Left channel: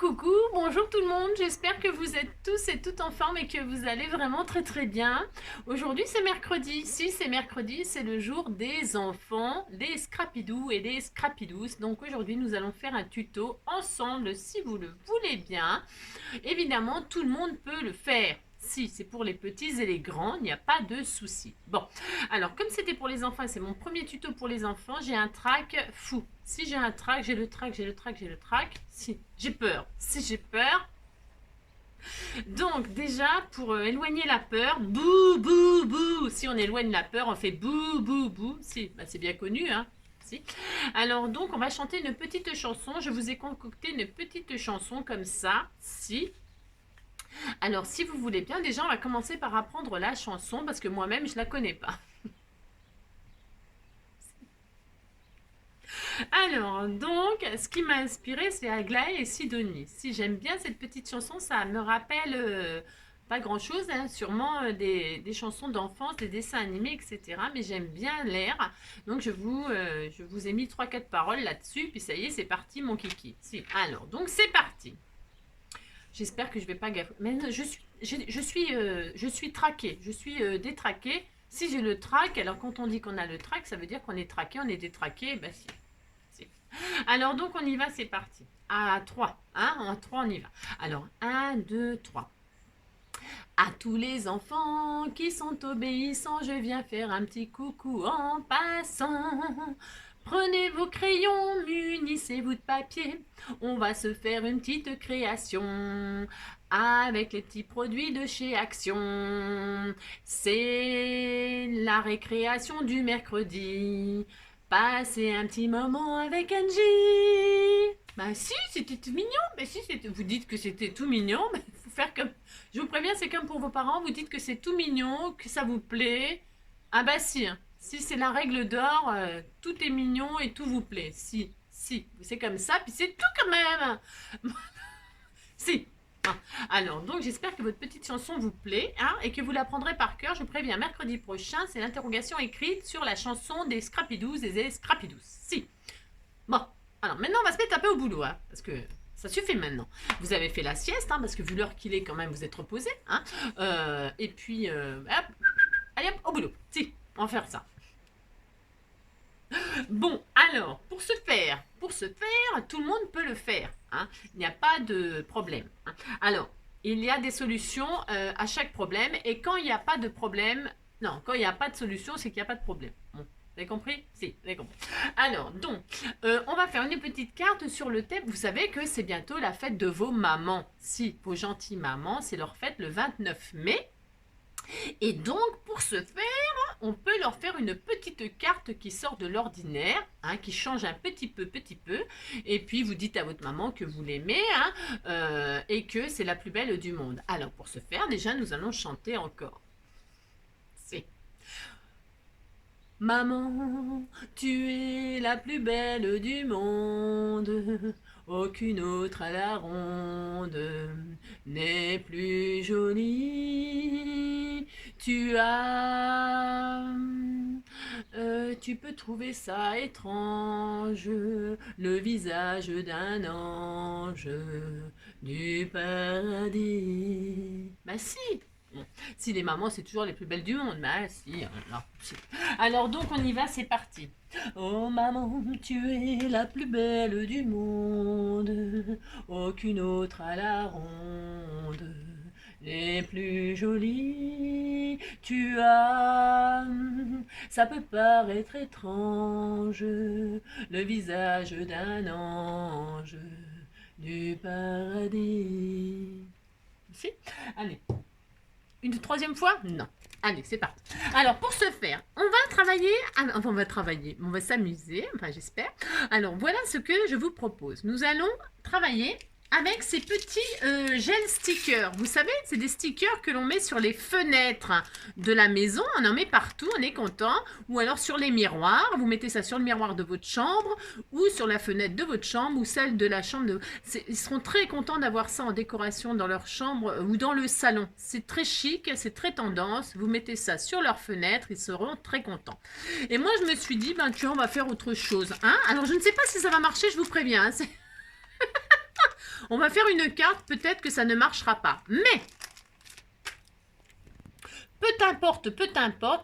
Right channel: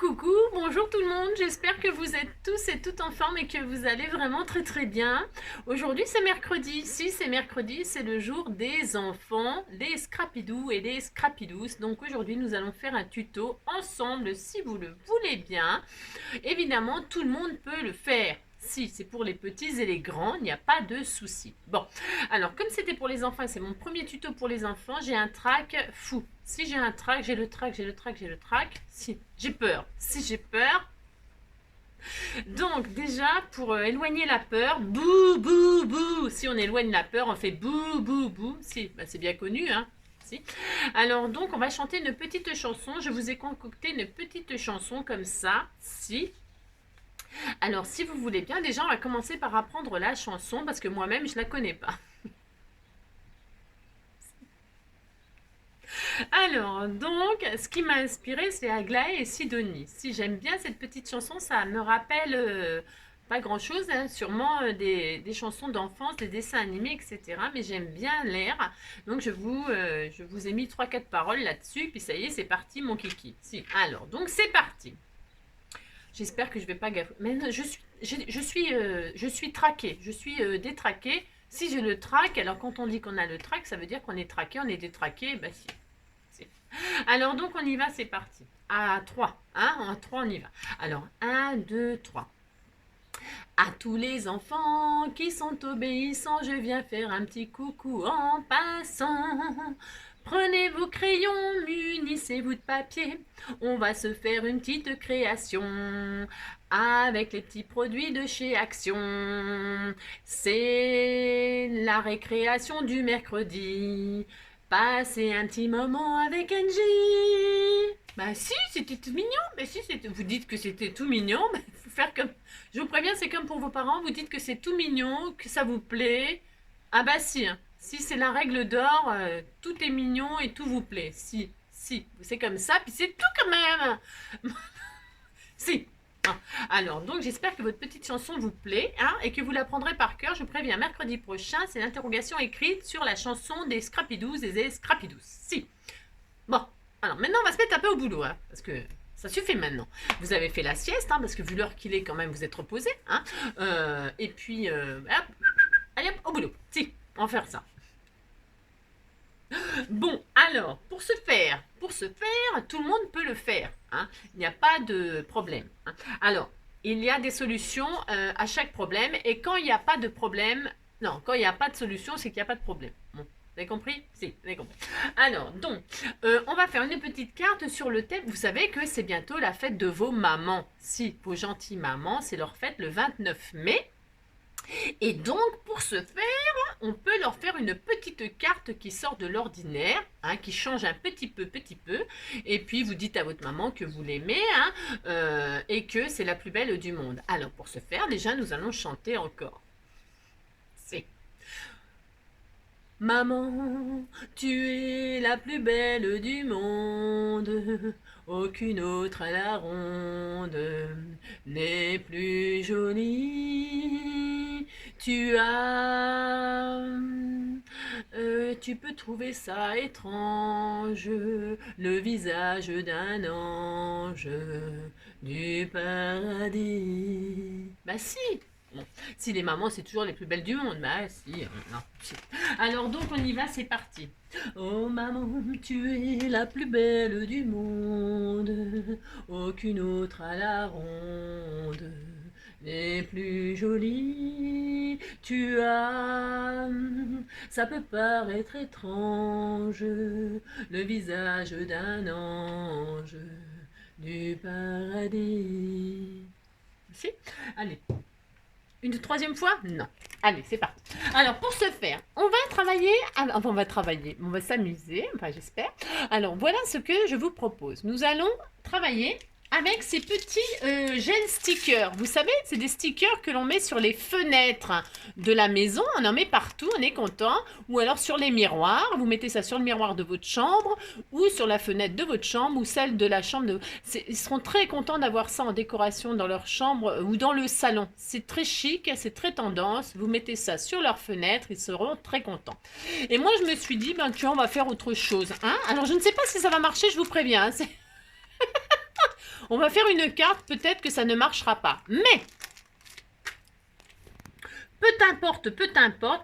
Coucou, bonjour tout le monde, j'espère que vous êtes tous et toutes en forme et que vous allez vraiment très bien. Aujourd'hui c'est mercredi, si c'est mercredi, c'est le jour des enfants, des scrapidous et des scrapidous. Donc aujourd'hui nous allons faire un tuto ensemble si vous le voulez bien. Évidemment tout le monde peut le faire. Si c'est pour les petits et les grands, il n'y a pas de souci. Bon, alors comme c'était pour les enfants, c'est mon premier tuto pour les enfants, j'ai un trac fou. Si j'ai un trac, j'ai le trac, j'ai le trac, j'ai le trac. Si j'ai peur, si j'ai peur. Donc déjà, pour éloigner la peur, bouh, bouh, bouh. Si on éloigne la peur, on fait bouh, bouh, bouh. Si, bah, c'est bien connu, hein. Si. Alors donc, on va chanter une petite chanson. Je vous ai concocté une petite chanson comme ça. Si. Alors, si vous voulez bien, déjà, on va commencer par apprendre la chanson parce que moi-même, je ne la connais pas. Alors, donc, ce qui m'a inspiré, c'est Aglaé et Sidonie. Si j'aime bien cette petite chanson, ça me rappelle pas grand-chose, hein, sûrement des chansons d'enfance, des dessins animés, etc. Mais j'aime bien l'air. Donc, je vous ai mis 3-4 paroles là-dessus. Puis ça y est, c'est parti, mon kiki. Si. Alors, donc, c'est parti. J'espère que je ne vais pas gaffer. Mais non, je suis traquée. Je suis détraquée. Si j'ai le trac, alors quand on dit qu'on a le trac, ça veut dire qu'on est traqué, on est détraqué. Bah si. Alors donc on y va, c'est parti. À 3, hein, à 3 on y va. Alors 1, 2, 3. À tous les enfants qui sont obéissants, je viens faire un petit coucou en passant. Prenez vos crayons, munissez-vous de papier. On va se faire une petite création avec les petits produits de chez Action. C'est la récréation du mercredi. Passez un petit moment avec Angie. Bah si, c'était tout mignon. Bah si, vous dites que c'était tout mignon. Bah, faut faire comme... Je vous préviens, c'est comme pour vos parents. Vous dites que c'est tout mignon, que ça vous plaît. Ah bah si, hein. Si c'est la règle d'or, tout est mignon et tout vous plaît. Si, c'est comme ça, puis c'est tout quand même. Si. Alors, donc j'espère que votre petite chanson vous plaît, hein, et que vous l'apprendrez par cœur. Je vous préviens, mercredi prochain, c'est l'interrogation écrite sur la chanson des Scrapidous et des Scrapidous. Si. Bon, alors maintenant on va se mettre un peu au boulot, hein, parce que ça suffit maintenant. Vous avez fait la sieste, hein, parce que vu l'heure qu'il est quand même, vous êtes reposé. Hein, et puis, hop, allez hop, au boulot. Si, on va faire ça. Bon, alors, pour ce faire, tout le monde peut le faire. Hein, il n'y a pas de problème. Hein. Alors, il y a des solutions à chaque problème. Et quand il n'y a pas de problème, non, quand il n'y a pas de solution, c'est qu'il n'y a pas de problème. Bon, vous avez compris? Si, vous avez compris. Alors, donc, on va faire une petite carte sur le thème. Vous savez que c'est bientôt la fête de vos mamans. Si, vos gentilles mamans, c'est leur fête le 29 mai. Et donc, pour ce faire, on peut leur faire une petite carte qui sort de l'ordinaire, hein, qui change un petit peu, et puis vous dites à votre maman que vous l'aimez, hein, et que c'est la plus belle du monde. Alors, pour ce faire, déjà, nous allons chanter encore. C'est... Maman, tu es la plus belle du monde, aucune autre à la ronde n'est plus jolie. Tu peux trouver ça étrange, le visage d'un ange du paradis. Bah si! Bon. Si les mamans, c'est toujours les plus belles du monde. Bah si, non, si. Alors donc on y va, c'est parti. Oh maman, tu es la plus belle du monde, aucune autre à la ronde n'est plus jolie. Ça peut paraître étrange, le visage d'un ange du paradis. Si, allez. Une troisième fois? Non. Allez, c'est parti. Alors, pour ce faire, on va s'amuser, enfin j'espère. Alors, voilà ce que je vous propose. Nous allons travailler avec ces petits gel stickers. Vous savez, c'est des stickers que l'on met sur les fenêtres de la maison. On en met partout, on est content. Ou alors sur les miroirs. Vous mettez ça sur le miroir de votre chambre ou sur la fenêtre de votre chambre ou celle de la chambre. Ils seront très contents d'avoir ça en décoration dans leur chambre ou dans le salon. C'est très chic, c'est très tendance. Vous mettez ça sur leur fenêtre, ils seront très contents. Et moi, je me suis dit, ben tu vois, on va faire autre chose. Hein, alors, je ne sais pas si ça va marcher, je vous préviens. Hein, On va faire une carte, peut-être que ça ne marchera pas. Mais, peu t'importe,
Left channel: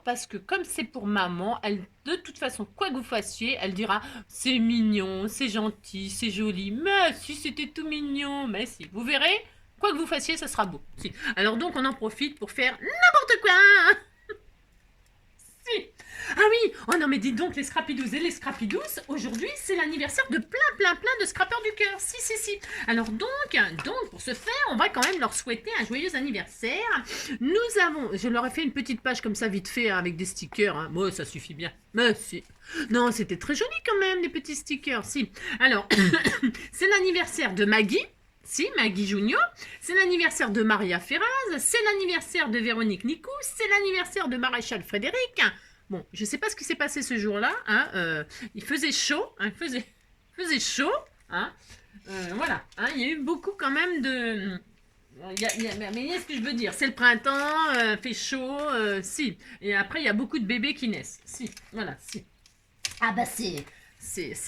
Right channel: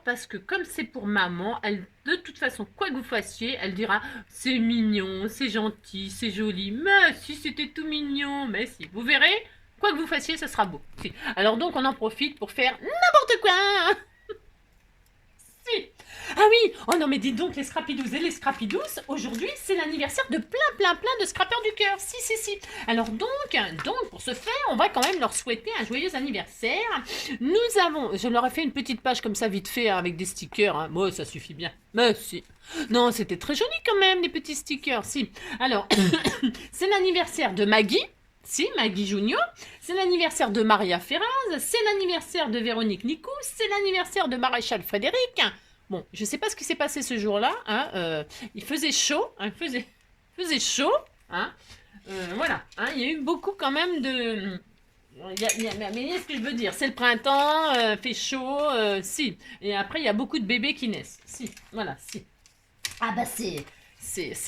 parce que comme c'est pour maman, elle, de toute façon, quoi que vous fassiez, elle dira c'est mignon, c'est gentil, c'est joli. Mais si c'était tout mignon, mais si. Vous verrez, quoi que vous fassiez, ça sera beau. Si. Alors donc, on en profite pour faire n'importe quoi. Si. Ah oui, oh non mais dites donc les Scrapidous et les Scrapidous, aujourd'hui c'est l'anniversaire de plein de scrappeurs du cœur, si. Alors donc pour ce faire, on va quand même leur souhaiter un joyeux anniversaire. Nous avons, je leur ai fait une petite page comme ça vite fait hein, avec des stickers, hein. Bon ça suffit bien, mais si. Non c'était très joli quand même les petits stickers, si. Alors, c'est l'anniversaire de Maggie. Si, Maggie Junior, c'est l'anniversaire de Maria Ferraz, c'est l'anniversaire de Véronique Nicou, c'est l'anniversaire de Maréchal Frédéric. Bon, je ne sais pas ce qui s'est passé ce jour-là. Hein, il faisait chaud. Hein, faisait chaud. Hein, voilà. Hein, il y a eu beaucoup quand même de... mais ce que je veux dire, c'est le printemps, fait chaud, si. Et après, il y a beaucoup de bébés qui naissent. Si, voilà, si. Ah bah c'est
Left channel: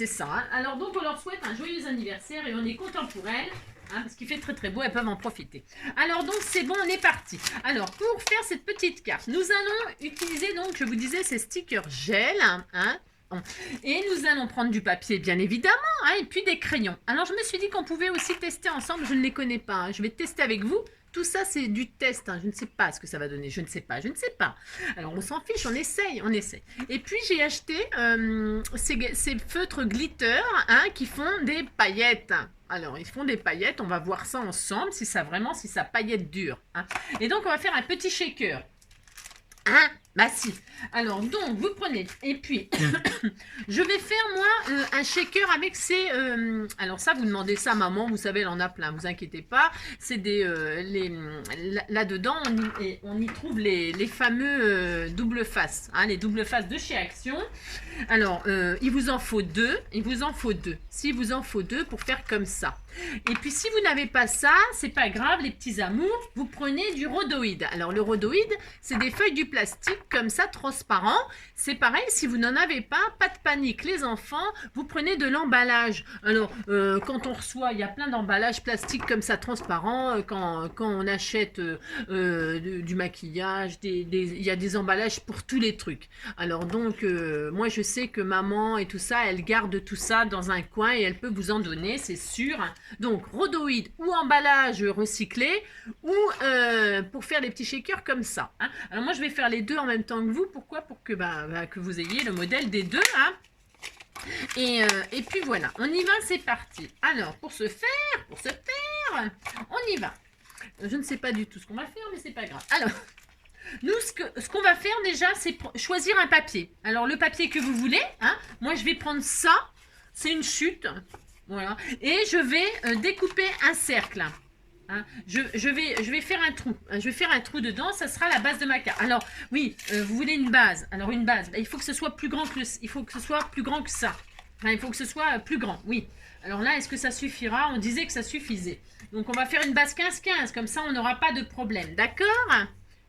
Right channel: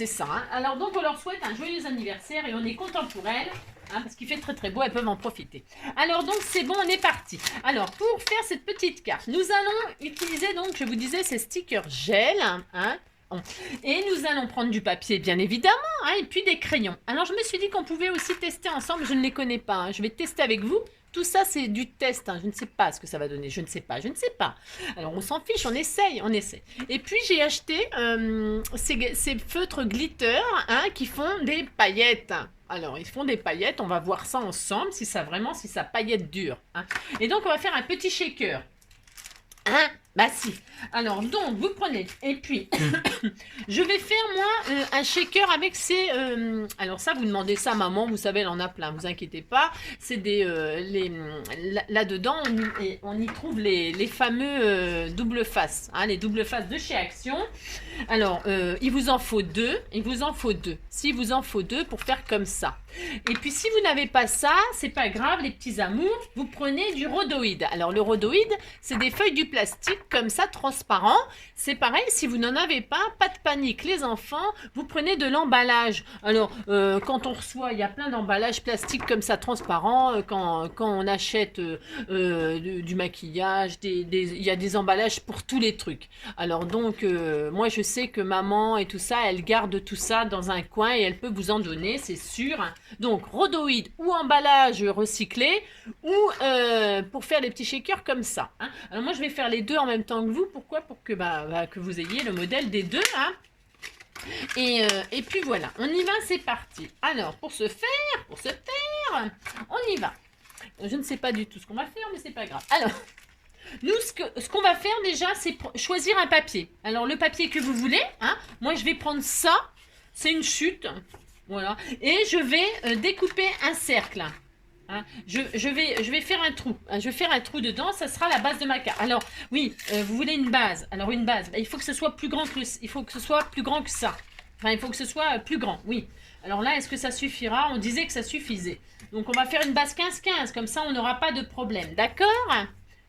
ça. Hein. Alors donc, on leur souhaite un joyeux anniversaire et on est content pour elles. Hein, parce qu'il fait très beau, elles peuvent en profiter. Alors donc c'est bon, on est parti. Alors pour faire cette petite carte, nous allons utiliser donc, je vous disais, ces stickers gel. Hein, et nous allons prendre du papier bien évidemment, hein, et puis des crayons. Alors je me suis dit qu'on pouvait aussi tester ensemble, je ne les connais pas. Hein, je vais tester avec vous. Tout ça, c'est du test. Hein. Je ne sais pas ce que ça va donner. Je ne sais pas. Alors, on s'en fiche. On essaye. Et puis, j'ai acheté ces feutres glitter hein, qui font des paillettes. Alors, ils font des paillettes. On va voir ça ensemble, si ça paillette dure. Hein. Et donc, on va faire un petit shaker. Hein? Bah si. Alors, donc, vous prenez. Et puis, je vais faire, moi, un shaker avec ces... alors ça, vous demandez ça à maman. Vous savez, elle en a plein. Vous inquiétez pas. C'est des... là-dedans, on y trouve les fameux double face. Hein, les double faces de chez Action. Alors, il vous en faut deux. S'il vous en faut deux pour faire comme ça. Et puis, si vous n'avez pas ça, c'est pas grave, les petits amours. Vous prenez du rhodoïde. Alors, le rhodoïde, c'est des feuilles du plastique comme ça, transparent. C'est pareil, si vous n'en avez pas de panique. Les enfants, vous prenez de l'emballage. Alors, quand on reçoit, il y a plein d'emballages plastiques comme ça, transparents. Quand on achète du maquillage, il y a des emballages pour tous les trucs. Alors donc, moi je sais que maman et tout ça, elle garde tout ça dans un coin et elle peut vous en donner, c'est sûr. Donc, rhodoïde ou emballage recyclé ou pour faire des petits shakers comme ça. Hein. Alors moi je vais faire les deux en même temps que vous. Pourquoi? Pour que, que vous ayez le modèle des deux. Hein. Et puis voilà, on y va, c'est parti. Alors, pour ce faire, on y va. Je ne sais pas du tout ce qu'on va faire, mais c'est pas grave. Alors, nous, ce qu'on va faire déjà, c'est choisir un papier. Alors, le papier que vous voulez, hein, moi, je vais prendre ça. C'est une chute. Voilà. Et je vais découper un cercle. Hein. Je vais faire un trou. Hein. Je vais faire un trou dedans. Ça sera la base de ma carte. Alors, oui, vous voulez une base. Alors, une base, il faut que ce soit plus grand que ça. Enfin, il faut que ce soit plus grand, oui. Alors là, est-ce que ça suffira? On disait que ça suffisait. Donc, on va faire une base 15-15. Comme ça, on n'aura pas de problème. D'accord?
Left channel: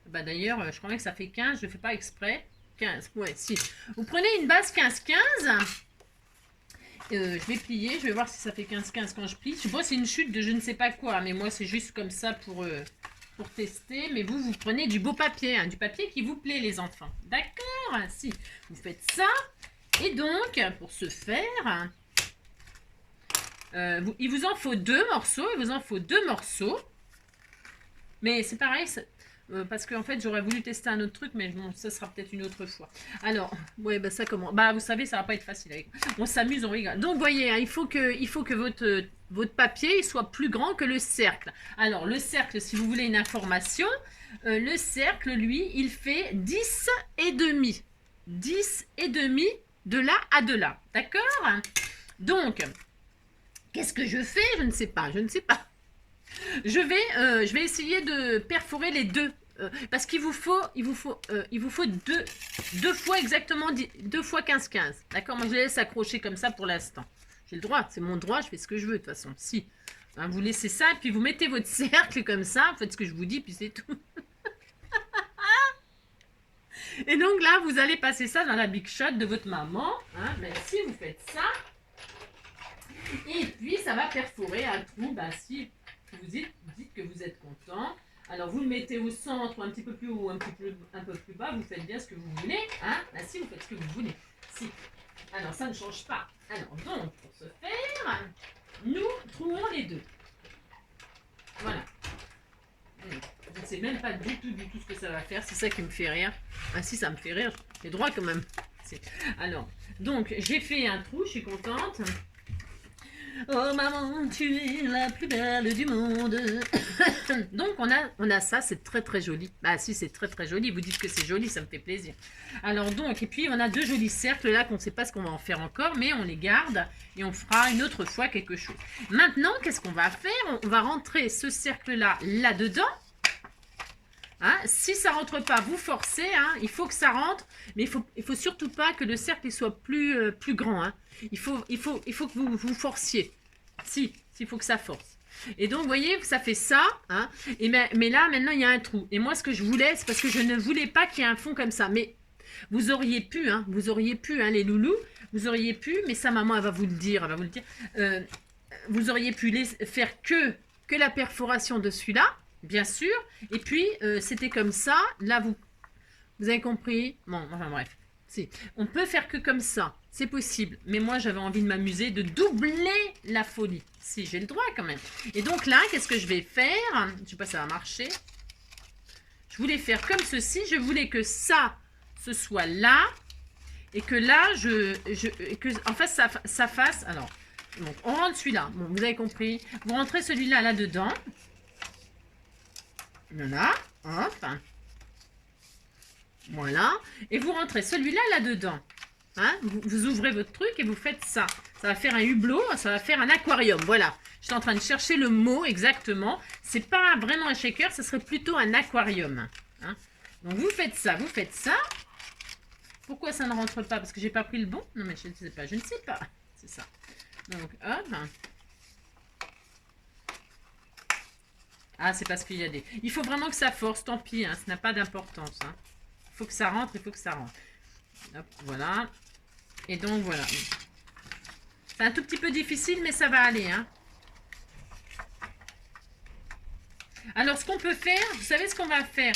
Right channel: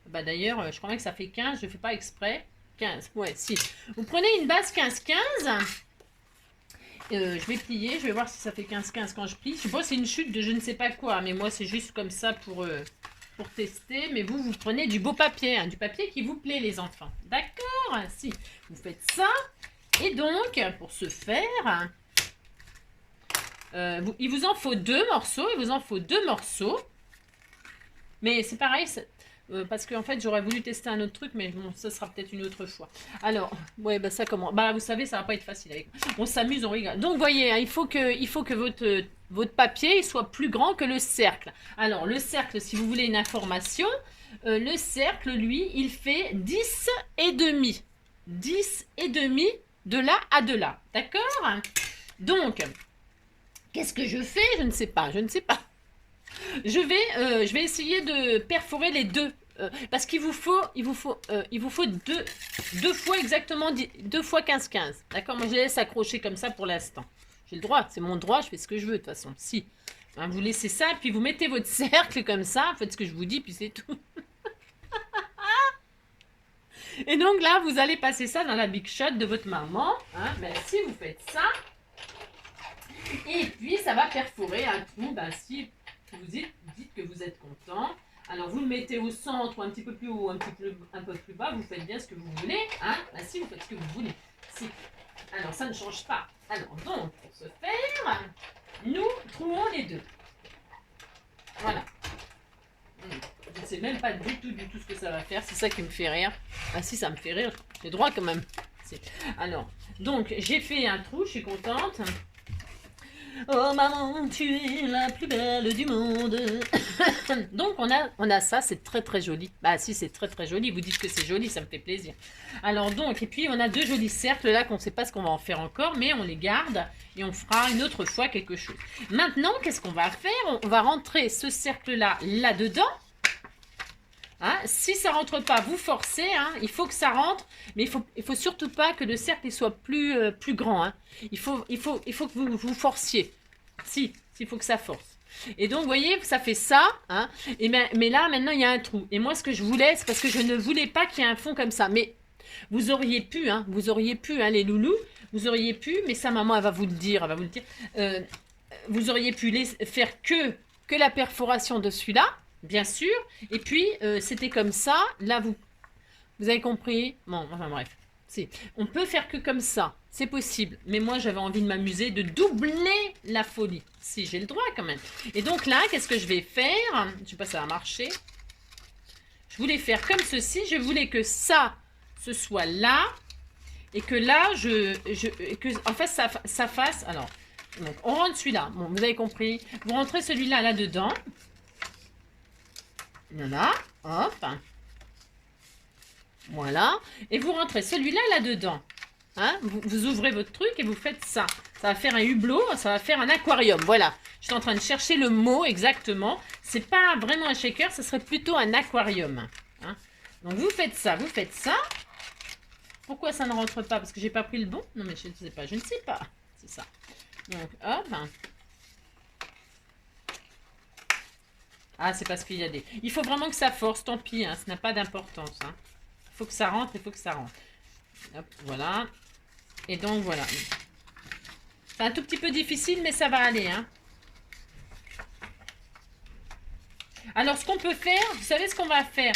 Bah, d'ailleurs, je crois bien que ça fait 15. Je ne fais pas exprès. 15, ouais, si. Vous prenez une base 15-15. Je vais plier. Je vais voir si ça fait 15-15 quand je plie. Je sais pas, c'est une chute de je ne sais pas quoi. Mais moi, c'est juste comme ça pour tester. Mais vous prenez du beau papier. Hein, du papier qui vous plaît, les enfants. D'accord? Si. Vous faites ça. Et donc, pour ce faire, il vous en faut deux morceaux. Mais c'est pareil, parce qu'en fait, j'aurais voulu tester un autre truc, mais bon, ça sera peut-être une autre fois. Alors, ouais, bah ça comment? Bah, vous savez, ça va pas être facile avec moi. On s'amuse, on rigole. Donc, voyez, hein, il faut que votre papier il soit plus grand que le cercle. Alors, le cercle, si vous voulez une information, le cercle, lui, il fait 10 et demi. 10 et demi. De là à de là, d'accord? Donc, qu'est-ce que je fais? Je ne sais pas. Je vais essayer de perforer les deux, parce qu'il vous faut deux fois exactement 2 fois 15-15, d'accord? Moi, je les laisse accrocher comme ça pour l'instant. J'ai le droit, c'est mon droit, je fais ce que je veux de toute façon. Si, hein, vous laissez ça, et puis vous mettez votre cercle comme ça, faites ce que je vous dis, puis c'est tout. Et donc là, vous allez passer ça dans la Big Shot de votre maman. Hein, ben, si vous faites ça. Et puis, ça va perforer un trou. Ben, si vous dites que vous êtes content, alors vous le mettez au centre, ou un petit peu plus haut, un peu plus bas. Vous faites bien ce que vous voulez. Hein? Ben, si, vous faites ce que vous voulez. Si. Alors, ça ne change pas. Alors, donc, pour ce faire, nous trouons les deux. Voilà. Je ne sais même pas du tout ce que ça va faire. C'est ça qui me fait rire. Ah si, ça me fait rire. J'ai droit quand même. Alors, donc, j'ai fait un trou. Je suis contente. Oh maman, tu es la plus belle du monde. Donc on a ça, c'est très très joli. Bah si, c'est très très joli. Vous dites que c'est joli, ça me fait plaisir. Alors donc, et puis on a deux jolis cercles là qu'on ne sait pas ce qu'on va en faire encore, mais on les garde et on fera une autre fois quelque chose. Maintenant, qu'est-ce qu'on va faire? On va rentrer ce cercle là dedans. Hein, si ça rentre pas, vous forcez, hein, il faut que ça rentre, mais il faut surtout pas que le cercle soit plus grand. Hein. Il faut que vous forciez. Si, il faut que ça force. Et donc, vous voyez, ça fait ça. Hein, mais là, maintenant, il y a un trou. Et moi, ce que je voulais, c'est parce que je ne voulais pas qu'il y ait un fond comme ça. Mais vous auriez pu, hein, les loulous, vous auriez pu, mais ça, maman, elle va vous le dire. Vous auriez pu faire que la perforation de celui-là. Bien sûr, et puis c'était comme ça, là vous avez compris, bon, enfin bref, on peut faire que comme ça, c'est possible, mais moi j'avais envie de m'amuser, de doubler la folie, si j'ai le droit quand même. Et donc là, qu'est-ce que je vais faire? Je ne sais pas si ça va marcher, je voulais faire comme ceci, je voulais que ça, ce soit là, et que là, en fait ça fasse, alors, donc on rentre celui-là, bon, vous avez compris, vous rentrez celui-là là-dedans. Voilà, hop. Voilà. Et vous rentrez celui-là là-dedans. Hein, vous ouvrez votre truc et vous faites ça. Ça va faire un hublot, ça va faire un aquarium. Voilà. Je suis en train de chercher le mot exactement. C'est pas vraiment un shaker, ce serait plutôt un aquarium. Hein. Donc vous faites ça, vous faites ça. Pourquoi ça ne rentre pas? Parce que j'ai pas pris le bon? Non mais je ne sais pas, je ne sais pas. C'est ça. Donc hop. Ah, c'est parce qu'il y a des... Il faut vraiment que ça force, tant pis, hein, ça n'a pas d'importance. Hein. Il faut que ça rentre, il faut que ça rentre. Hop, voilà. Et donc, voilà. C'est un tout petit peu difficile, mais ça va aller. Hein. Alors, ce qu'on peut faire, vous savez ce qu'on va faire?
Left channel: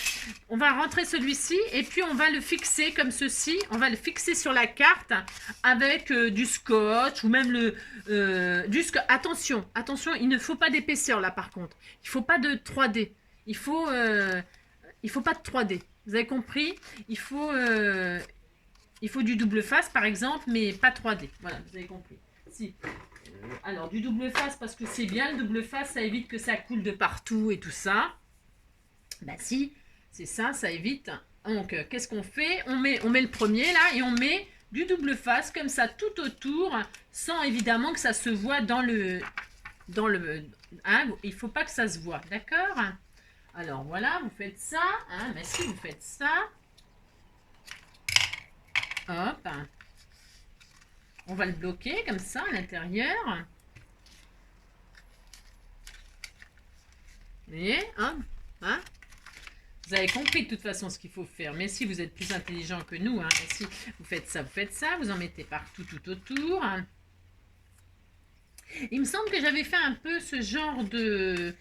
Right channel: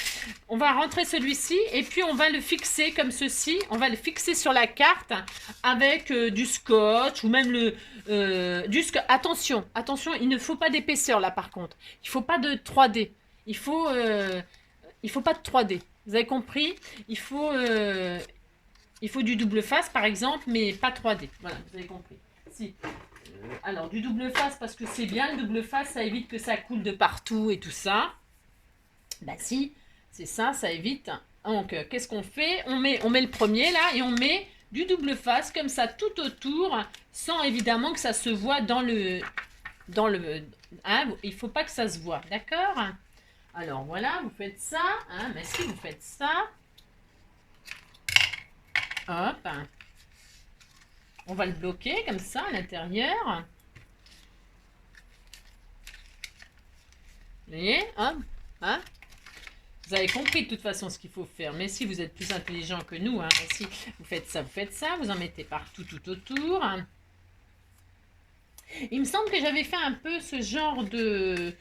On va rentrer celui-ci et puis on va le fixer comme ceci. On va le fixer sur la carte avec du scotch ou même du scotch. Attention, attention, il ne faut pas d'épaisseur là par contre. Il ne faut pas de 3D. Il faut pas de 3D. Vous avez compris? Il faut du double face par exemple, mais pas 3D. Voilà, vous avez compris. Si. Alors, du double face, parce que c'est bien, le double face, ça évite que ça coule de partout et tout ça. Bah si, c'est ça, ça évite. Donc, qu'est-ce qu'on fait? On met le premier là et on met du double face comme ça tout autour, sans évidemment que ça se voit dans le hein, il faut pas que ça se voit, d'accord? Alors, voilà, vous faites ça. Hein, mais si vous faites ça, hop. On va le bloquer comme ça à l'intérieur. Vous voyez, hein, hein? Vous avez compris de toute façon ce qu'il faut faire. Mais si vous êtes plus intelligent que nous, hein, si vous faites ça, vous en mettez partout tout autour. Il me semble que j'avais fait un peu ce genre de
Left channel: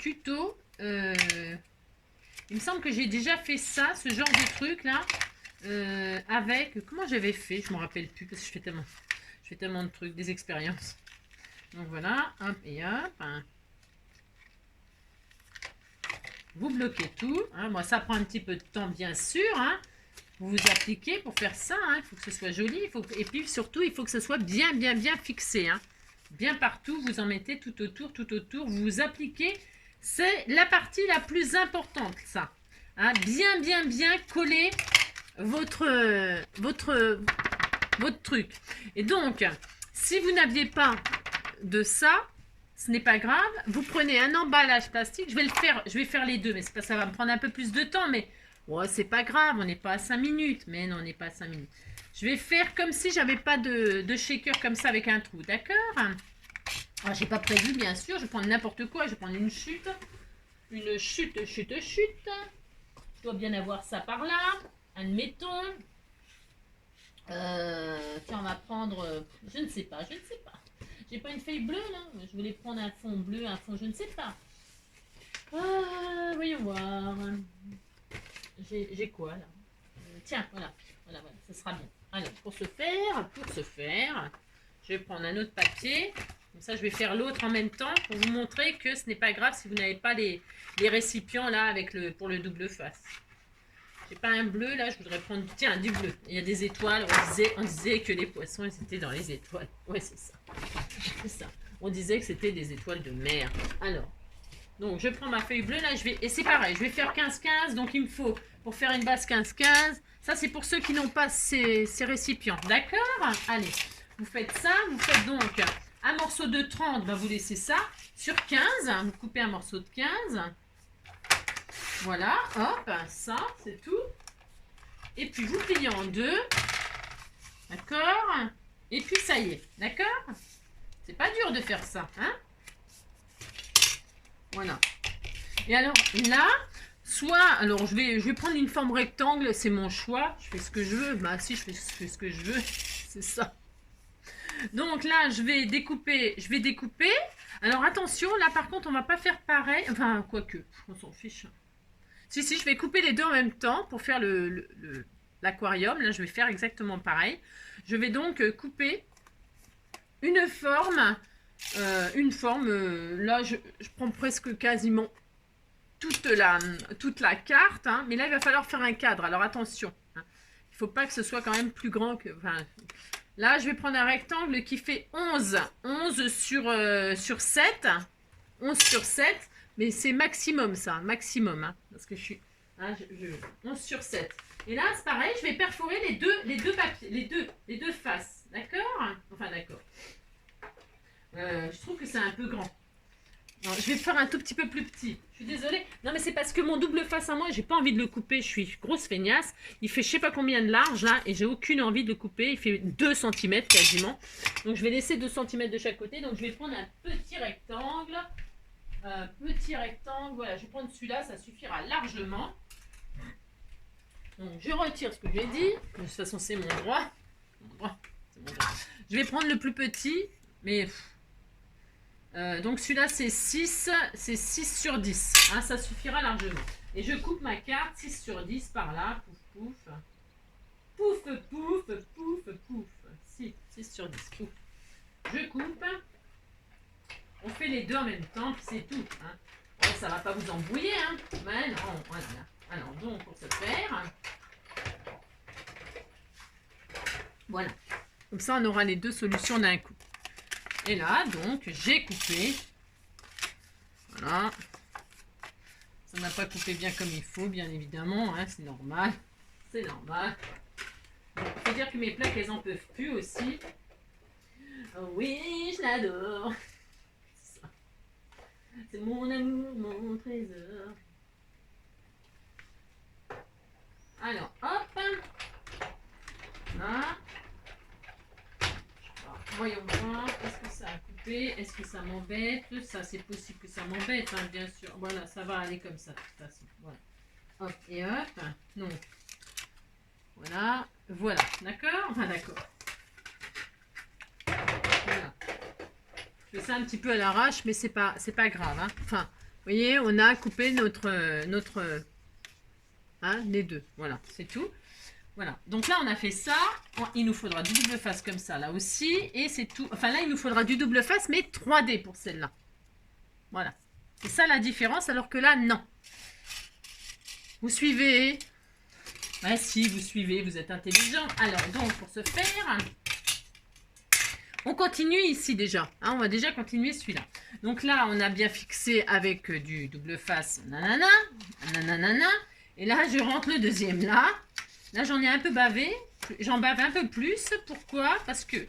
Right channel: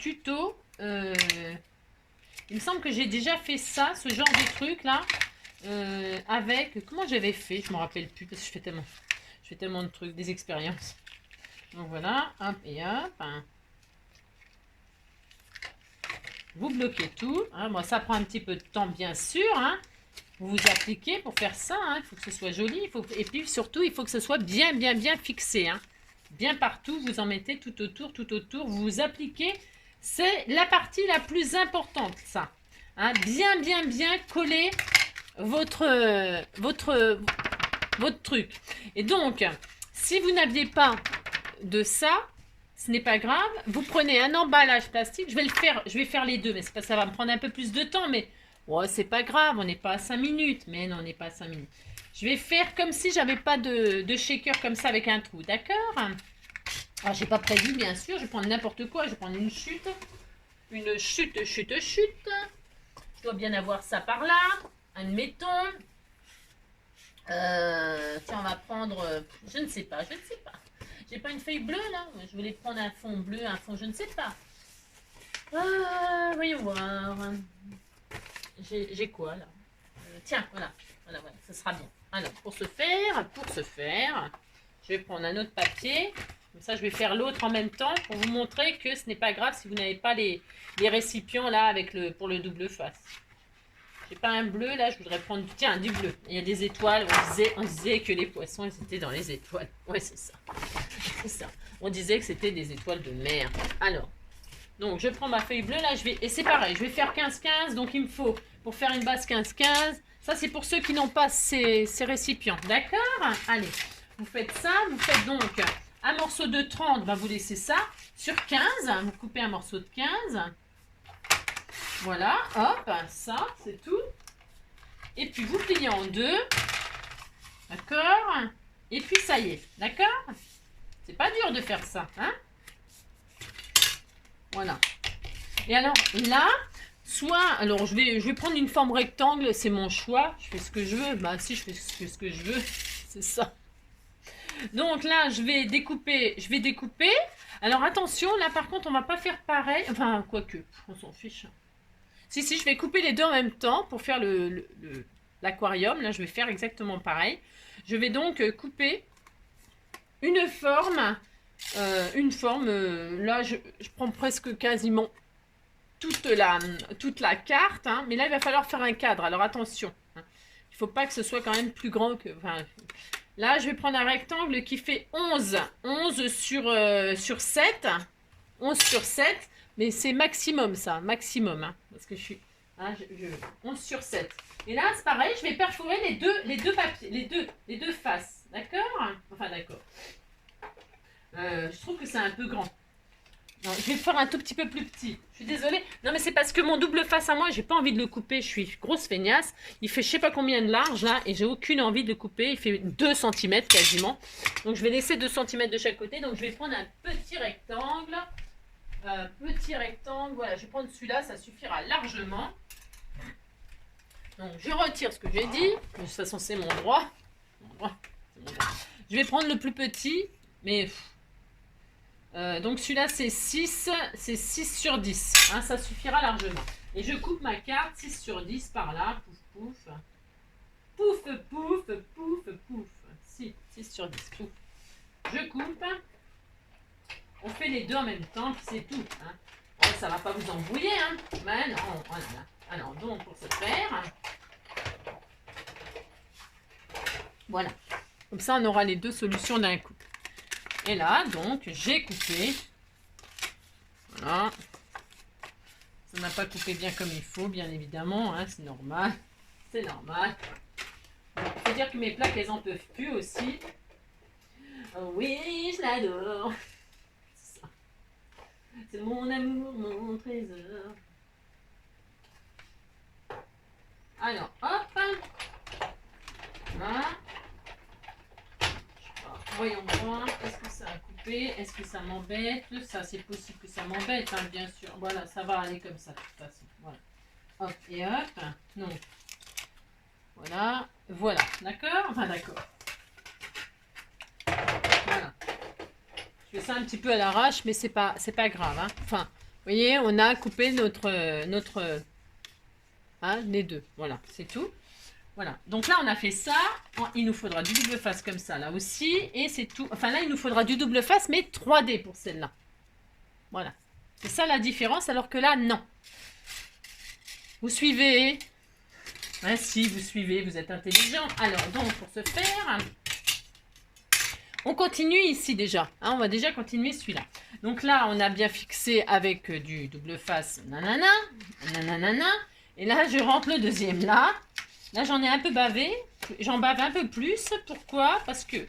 tuto. Il me semble que j'ai déjà fait ça, ce genre de truc là. Avec, comment j'avais fait, je ne me rappelle plus parce que je fais tellement de trucs, des expériences. Donc voilà, hop et hop. Vous bloquez tout. Hein. Bon, ça prend un petit peu de temps bien sûr. Hein. Vous vous appliquez pour faire ça. Hein. Il faut que ce soit joli. Et puis surtout, il faut que ce soit bien fixé. Hein. Bien partout, vous en mettez tout autour. Vous vous appliquez. C'est la partie la plus importante, ça. Hein. Bien coller votre truc. Et donc, si vous n'aviez pas de ça, ce n'est pas grave. Vous prenez un emballage plastique. Je vais faire les deux, mais ça va me prendre un peu plus de temps, mais oh, c'est pas grave, on n'est pas à 5 minutes. Mais non, on n'est pas à 5 minutes. Je vais faire comme si j'avais pas de shaker comme ça avec un trou, d'accord? Alors, j'ai pas prévu, bien sûr. Je vais prendre n'importe quoi. Je vais prendre une chute. Une chute. Je dois bien avoir ça par là. Admettons. Tiens, on va prendre, je ne sais pas, je ne sais pas. J'ai pas une feuille bleue là. Je voulais prendre un fond bleu, un fond, je ne sais pas. Voyons voir. J'ai quoi là? Tiens, voilà. Voilà, ça sera bien. Alors, pour ce faire, je vais prendre un autre papier. Comme ça, je vais faire l'autre en même temps pour vous montrer que ce n'est pas grave si vous n'avez pas les récipients là avec pour le double face. J'ai pas un bleu là, je voudrais prendre tiens, du bleu. Il y a des étoiles, on disait que les poissons ils étaient dans les étoiles. Ouais, c'est ça. C'est ça. On disait que c'était des étoiles de mer. Alors, donc je prends ma feuille bleue là, et c'est pareil, je vais faire 15-15, donc il me faut pour faire une base 15-15. Ça c'est pour ceux qui n'ont pas ces récipients, d'accord? Allez, vous faites ça, vous faites donc un morceau de 30, vous laissez ça sur 15, vous coupez un morceau de 15. Voilà, hop, ça, c'est tout. Et puis, vous pliez en deux. D'accord? Et puis, ça y est. D'accord? C'est pas dur de faire ça, hein? Voilà. Et alors, là, alors, je vais prendre une forme rectangle. C'est mon choix. Je fais ce que je veux. Bah, si, je fais ce que je veux. C'est ça. Donc, là, je vais découper. Alors, attention, là, par contre, on va pas faire pareil. Enfin, quoique, on s'en fiche. Si, je vais couper les deux en même temps pour faire l'aquarium. Là, je vais faire exactement pareil. Je vais donc couper une forme. Là, je prends presque quasiment toute la carte. Hein, mais là, il va falloir faire un cadre. Alors, attention. Hein, il ne faut pas que ce soit quand même plus grand que... Enfin, là, je vais prendre un rectangle qui fait 11. 11 sur 7. 11 sur 7. Mais c'est maximum ça, maximum. Hein, parce que je suis... Hein, 11 sur 7. Et là, c'est pareil, je vais perforer les deux papiers, les deux faces. D'accord? Enfin, d'accord. Je trouve que c'est un peu grand. Non, je vais faire un tout petit peu plus petit. Je suis désolée. Non, mais c'est parce que mon double face à moi, j'ai pas envie de le couper. Je suis grosse feignasse. Il fait je sais pas combien de large là. Et j'ai aucune envie de le couper. Il fait 2 cm quasiment. Donc, je vais laisser 2 cm de chaque côté. Donc, je vais prendre un petit rectangle. Voilà, je vais prendre celui-là, ça suffira largement. Donc je retire ce que j'ai dit. De toute façon, c'est mon droit. Je vais prendre le plus petit, mais donc celui-là c'est 6 sur 10. Hein, ça suffira largement. Et je coupe ma carte 6 sur 10 par là. Pouf, pouf. Pouf, pouf, pouf, pouf. 6 sur 10. Pouf. Je coupe. On fait les deux en même temps, puis c'est tout. Hein. Alors, ça va pas vous embrouiller, hein. Mais non, voilà. Alors, donc, pour ce faire, voilà. Comme ça, on aura les deux solutions d'un coup. Et là, donc, j'ai coupé. Voilà. Ça n'a pas coupé bien comme il faut, bien évidemment. Hein, c'est normal. C'est normal. Il faut dire que mes plaques, elles en peuvent plus aussi. Oh oui, je l'adore. C'est mon amour, mon trésor. Alors, hop. Voilà. Voyons voir. Est-ce que ça a coupé? Est-ce que ça m'embête? Ça, c'est possible que ça m'embête, hein, bien sûr. Voilà, ça va aller comme ça, de toute façon. Voilà. Hop et hop. Non. Voilà. Voilà. D'accord? Enfin, d'accord. Voilà. Je fais ça un petit peu à l'arrache, mais c'est pas grave. Hein. Enfin, vous voyez, on a coupé notre hein, les deux. Voilà, c'est tout. Voilà. Donc là, on a fait ça. Il nous faudra du double face comme ça, là aussi. Et c'est tout. Enfin, là, il nous faudra du double face, mais 3D pour celle-là. Voilà. C'est ça la différence, alors que là, non. Vous suivez? Ouais, si, vous suivez, vous êtes intelligent. Alors, donc, pour ce faire... On continue ici déjà, hein, on va déjà continuer celui-là. Donc là, on a bien fixé avec du double face, nanana, nanana. Et là, je rentre le deuxième là. Là, j'en ai un peu bavé. J'en bave un peu plus. Pourquoi? Parce que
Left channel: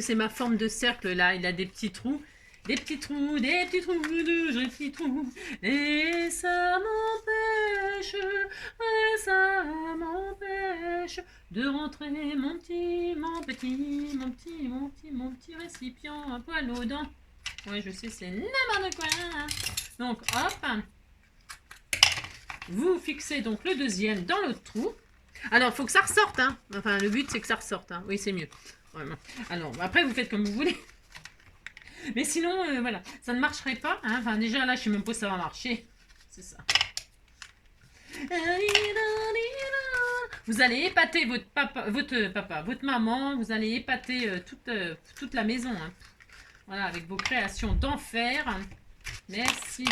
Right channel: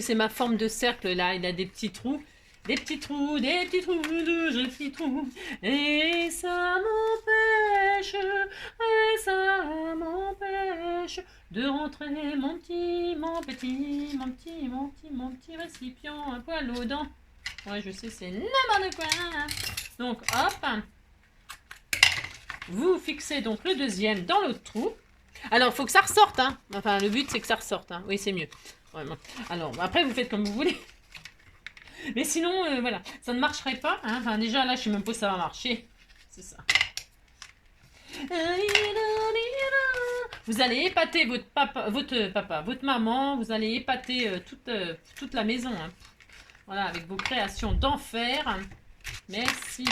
c'est ma forme de cercle là. Il a des petits trous. Des petits trous, des petits trous. Et ça m'empêche de rentrer mon petit récipient, un poil aux dents. Ouais, je sais, c'est n'importe quoi. Donc, hop. Vous fixez donc le deuxième dans l'autre trou. Alors, il faut que ça ressorte, hein. Enfin, le but, c'est que ça ressorte, hein. Oui, c'est mieux. Vraiment. Alors, après, vous faites comme vous voulez. Mais sinon, voilà, ça ne marcherait pas, hein. Enfin, déjà, là, je sais même pas si ça va marcher. C'est ça. Vous allez épater votre maman, vous allez épater toute la maison, hein. Voilà, avec vos créations d'enfer. Merci.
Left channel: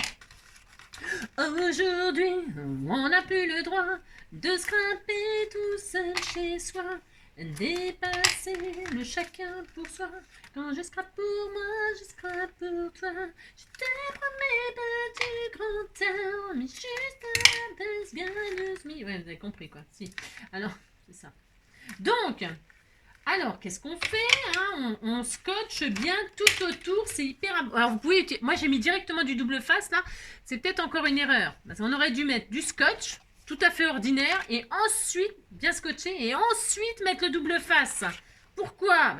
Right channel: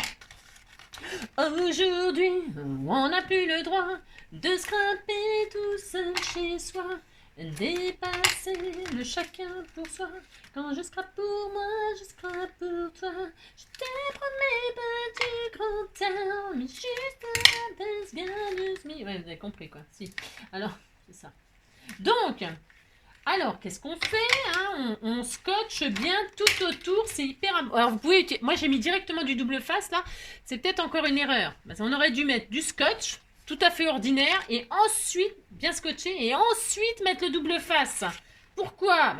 Aujourd'hui, on n'a plus le droit de se grimper tout seul chez soi, dépasser le chacun pour soi. Quand je scrape pour moi, je scrape pour toi. Je te promets pas du grand air, mais juste un baisse gagneuse. Ouais, vous avez compris quoi. Si. Alors, c'est ça. Donc, alors, qu'est-ce qu'on fait, hein, on scotche bien tout autour, c'est hyper... Alors, vous pouvez... Moi, j'ai mis directement du double face, là. C'est peut-être encore une erreur. Parce qu'on aurait dû mettre du scotch, tout à fait ordinaire, et ensuite, bien scotcher, et ensuite mettre le double face. Pourquoi?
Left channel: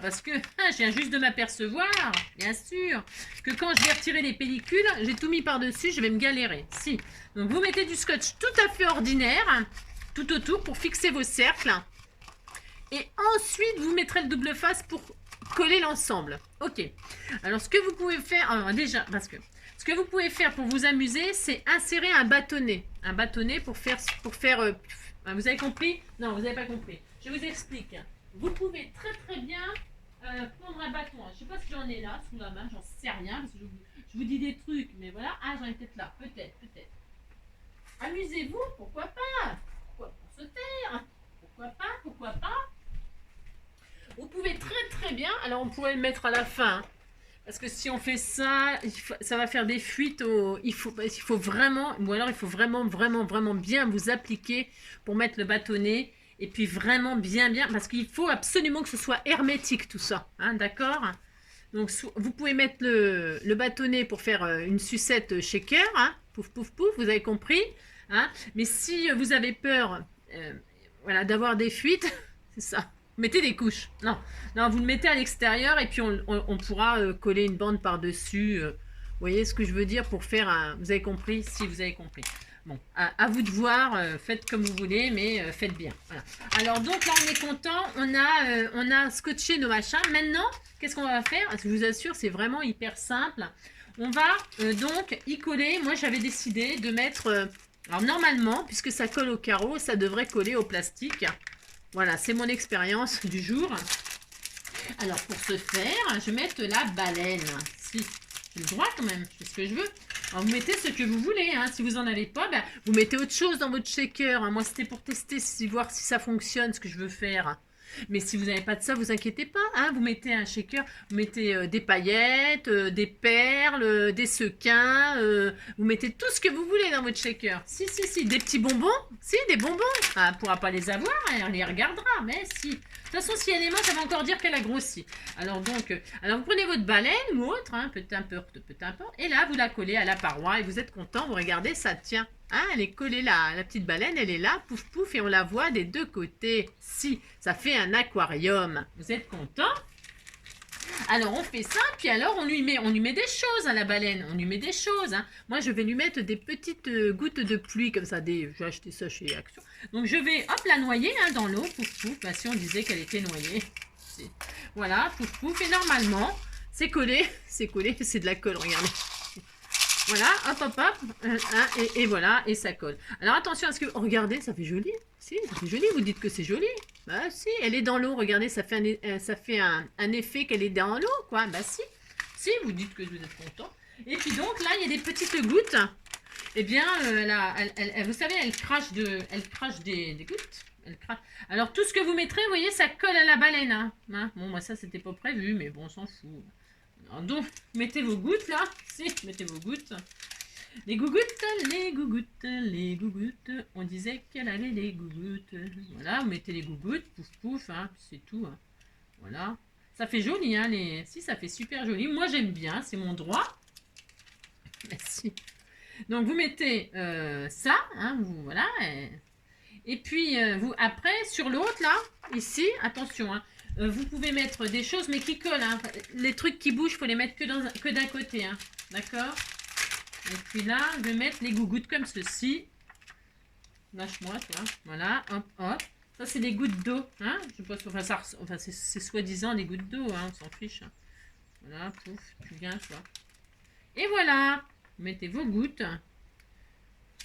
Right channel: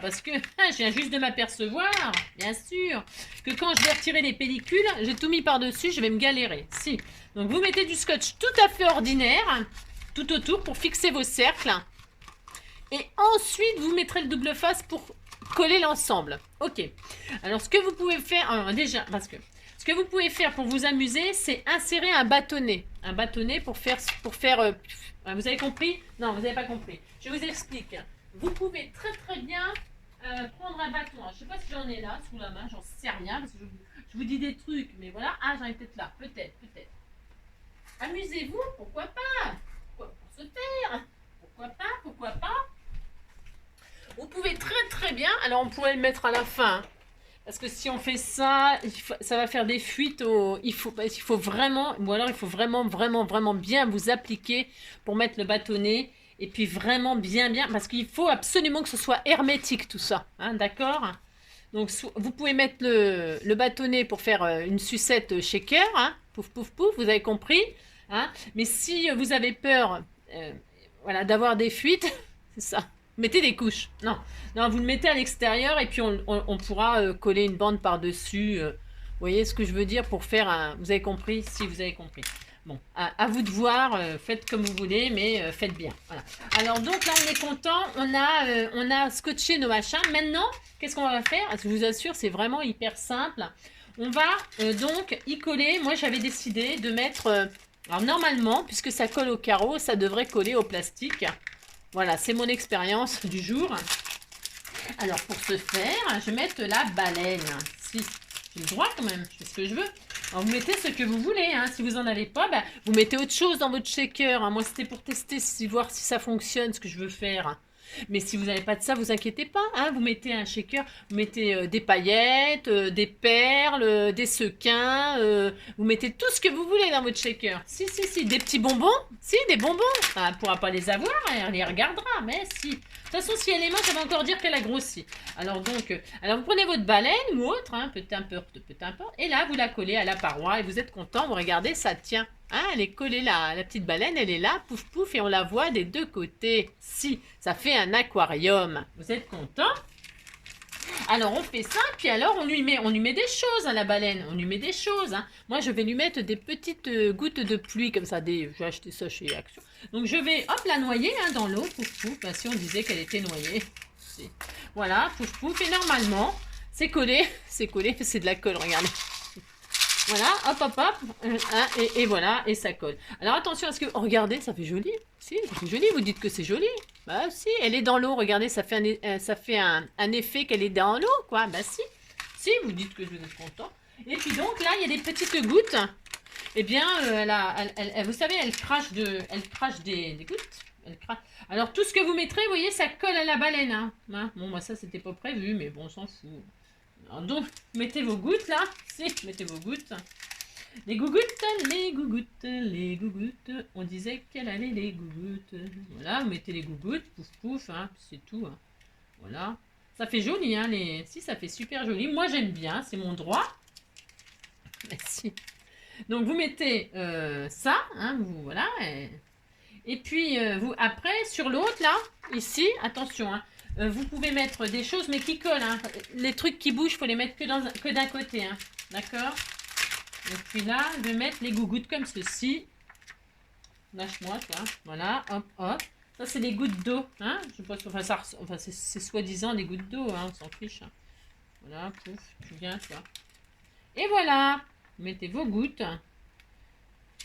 Parce que je viens juste de m'apercevoir, bien sûr, que quand je vais retirer les pellicules, j'ai tout mis par-dessus, je vais me galérer. Si. Donc, vous mettez du scotch tout à fait ordinaire, tout autour, pour fixer vos cercles. Et ensuite, vous mettrez le double face pour coller l'ensemble. Ok. Alors, ce que vous pouvez faire... déjà, parce que... Ce que vous pouvez faire pour vous amuser, c'est insérer un bâtonnet. Un bâtonnet pour faire... vous avez compris? Non, vous n'avez pas compris. Je vous explique. Vous pouvez très très bien prendre un bâton. Je ne sais pas si j'en ai là, sous la main. J'en sais rien, parce que je vous dis des trucs. Mais voilà. Ah, j'en ai peut-être là. Peut-être. Amusez-vous. Pourquoi pas? Pourquoi se faire? Pourquoi pas? Vous pouvez très très bien, alors on pourrait le mettre à la fin, parce que si on fait ça, ça va faire des fuites, il faut vraiment, ou alors il faut vraiment bien vous appliquer pour mettre le bâtonnet, et puis vraiment bien, parce qu'il faut absolument que ce soit hermétique tout ça, hein, d'accord? Donc vous pouvez mettre le bâtonnet pour faire une sucette shaker, hein, pouf, vous avez compris, hein? Mais si vous avez peur voilà, d'avoir des fuites, c'est ça. Mettez des couches. Non, vous le mettez à l'extérieur et puis on pourra coller une bande par-dessus. Vous voyez ce que je veux dire pour faire un... Vous avez compris? Si, vous avez compris. Bon, à vous de voir. Faites comme vous voulez, mais faites bien. Voilà. Alors, donc là, on est content. On a scotché nos machins. Maintenant, qu'est-ce qu'on va faire? Je vous assure, c'est vraiment hyper simple. On va donc y coller. Moi, j'avais décidé de mettre... alors, normalement, puisque ça colle au carreau, ça devrait coller au plastique. Voilà, c'est mon expérience du jour. Alors, pour ce faire, je vais mettre la baleine. Si, j'ai le droit quand même, je fais ce que je veux. Alors, vous mettez ce que vous voulez. Hein. Si vous n'en avez pas, bah, vous mettez autre chose dans votre shaker. Hein. Moi, c'était pour tester, voir si ça fonctionne, ce que je veux faire. Mais si vous n'avez pas de ça, vous inquiétez pas. Hein. Vous mettez un shaker, vous mettez des paillettes, des perles, des sequins. Vous mettez tout ce que vous voulez dans votre shaker. Si. Des petits bonbons. Si, des bonbons. Ah, elle ne pourra pas les avoir, hein, on les regardera. Mais si. De toute façon, si elle est morte, ça va encore dire qu'elle a grossi. Alors, donc, vous prenez votre baleine ou autre, hein, peu importe. Et là, vous la collez à la paroi et vous êtes content. Vous regardez, ça tient. Hein, elle est collée là, la petite baleine, elle est là, pouf, et on la voit des deux côtés. Si, ça fait un aquarium. Vous êtes content? Alors, on fait ça, puis alors, on lui met des choses à la baleine. On lui met des choses. Hein. Moi, je vais lui mettre des petites gouttes de pluie, comme ça. Je vais acheter ça chez Action. Donc, je vais, hop, la noyer hein, dans l'eau. Pouf. Bah, si on disait qu'elle était noyée. Voilà, pouf. Et normalement, c'est collé. C'est de la colle, regardez. Voilà, hop, et voilà, et ça colle. Alors attention à ce que... Oh, regardez, ça fait joli. Si, ça fait joli, vous dites que c'est joli. Bah si, elle est dans l'eau, regardez, ça fait un effet qu'elle est dans l'eau, quoi. Bah si, vous dites que vous êtes content. Et puis donc, là, il y a des petites gouttes. Eh bien, vous savez, elle crache des gouttes. Elle crache. Alors, tout ce que vous mettrez, vous voyez, ça colle à la baleine. Hein. Bon, moi, ça, c'était pas prévu, mais bon, on s'en fout. Alors donc, mettez vos gouttes là. Si, mettez vos gouttes. Les gougouttes. On disait qu'elle avait les gougouttes. Voilà, vous mettez les gougouttes. Pouf, hein, c'est tout. Hein. Voilà. Ça fait joli, hein. Si, ça fait super joli. Moi, j'aime bien, c'est mon droit. Merci. Donc, vous mettez ça. Hein, voilà. Et puis, vous après, sur l'autre là, ici, attention, hein. Vous pouvez mettre des choses, mais qui collent. Hein. Les trucs qui bougent, il faut les mettre que d'un côté. Hein. D'accord? Et puis là, je vais mettre les gougouttes comme ceci. Lâche-moi, toi. Voilà, hop, hop. Ça, c'est des gouttes d'eau. Hein, je pense, enfin c'est soi-disant des gouttes d'eau. Hein, on s'en fiche. Hein. Voilà, pouf, tu viens, toi. Et voilà. Vous mettez vos gouttes.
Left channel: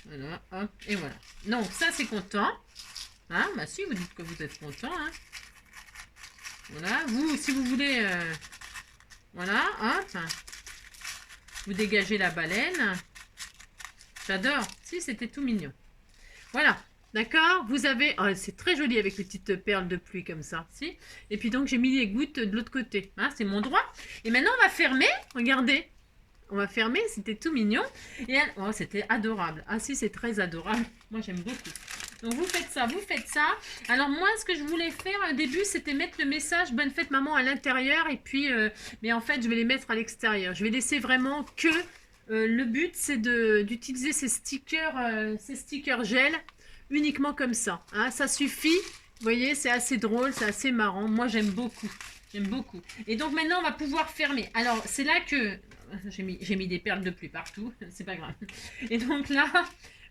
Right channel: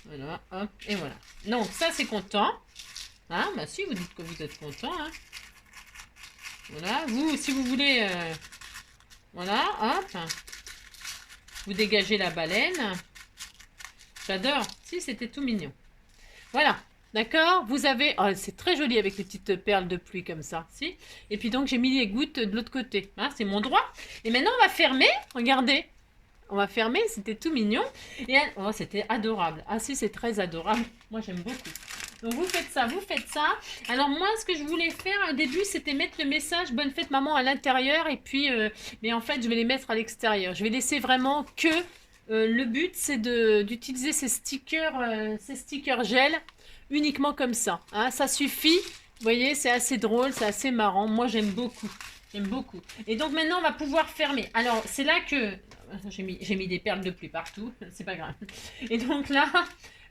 Voilà, hop, et voilà. Donc, ça, c'est content. Hein, bah si, vous dites que vous êtes content. Hein. Voilà, vous, si vous voulez... voilà, hop. Vous dégagez la baleine. J'adore. Si, c'était tout mignon. Voilà. D'accord. Vous avez... Oh, c'est très joli avec les petites perles de pluie comme ça. Si. Et puis donc, j'ai mis les gouttes de l'autre côté. Hein, c'est mon droit. Et maintenant, on va fermer. Regardez. On va fermer. C'était tout mignon. Et oh, c'était adorable. Ah si, c'est très adorable. Moi, j'aime beaucoup. Donc, vous faites ça, vous faites ça. Alors, moi, ce que je voulais faire au début, c'était mettre le message « Bonne fête, maman » à l'intérieur. Et puis, mais en fait, je vais les mettre à l'extérieur. Je vais laisser vraiment que... le but, c'est d'utiliser ces stickers gel uniquement comme ça. Hein, ça suffit. Vous voyez, c'est assez drôle, c'est assez marrant. Moi, j'aime beaucoup. J'aime beaucoup. Et donc, maintenant, on va pouvoir fermer. Alors, c'est là que... J'ai mis des perles de pluie partout. C'est pas grave. Et donc là,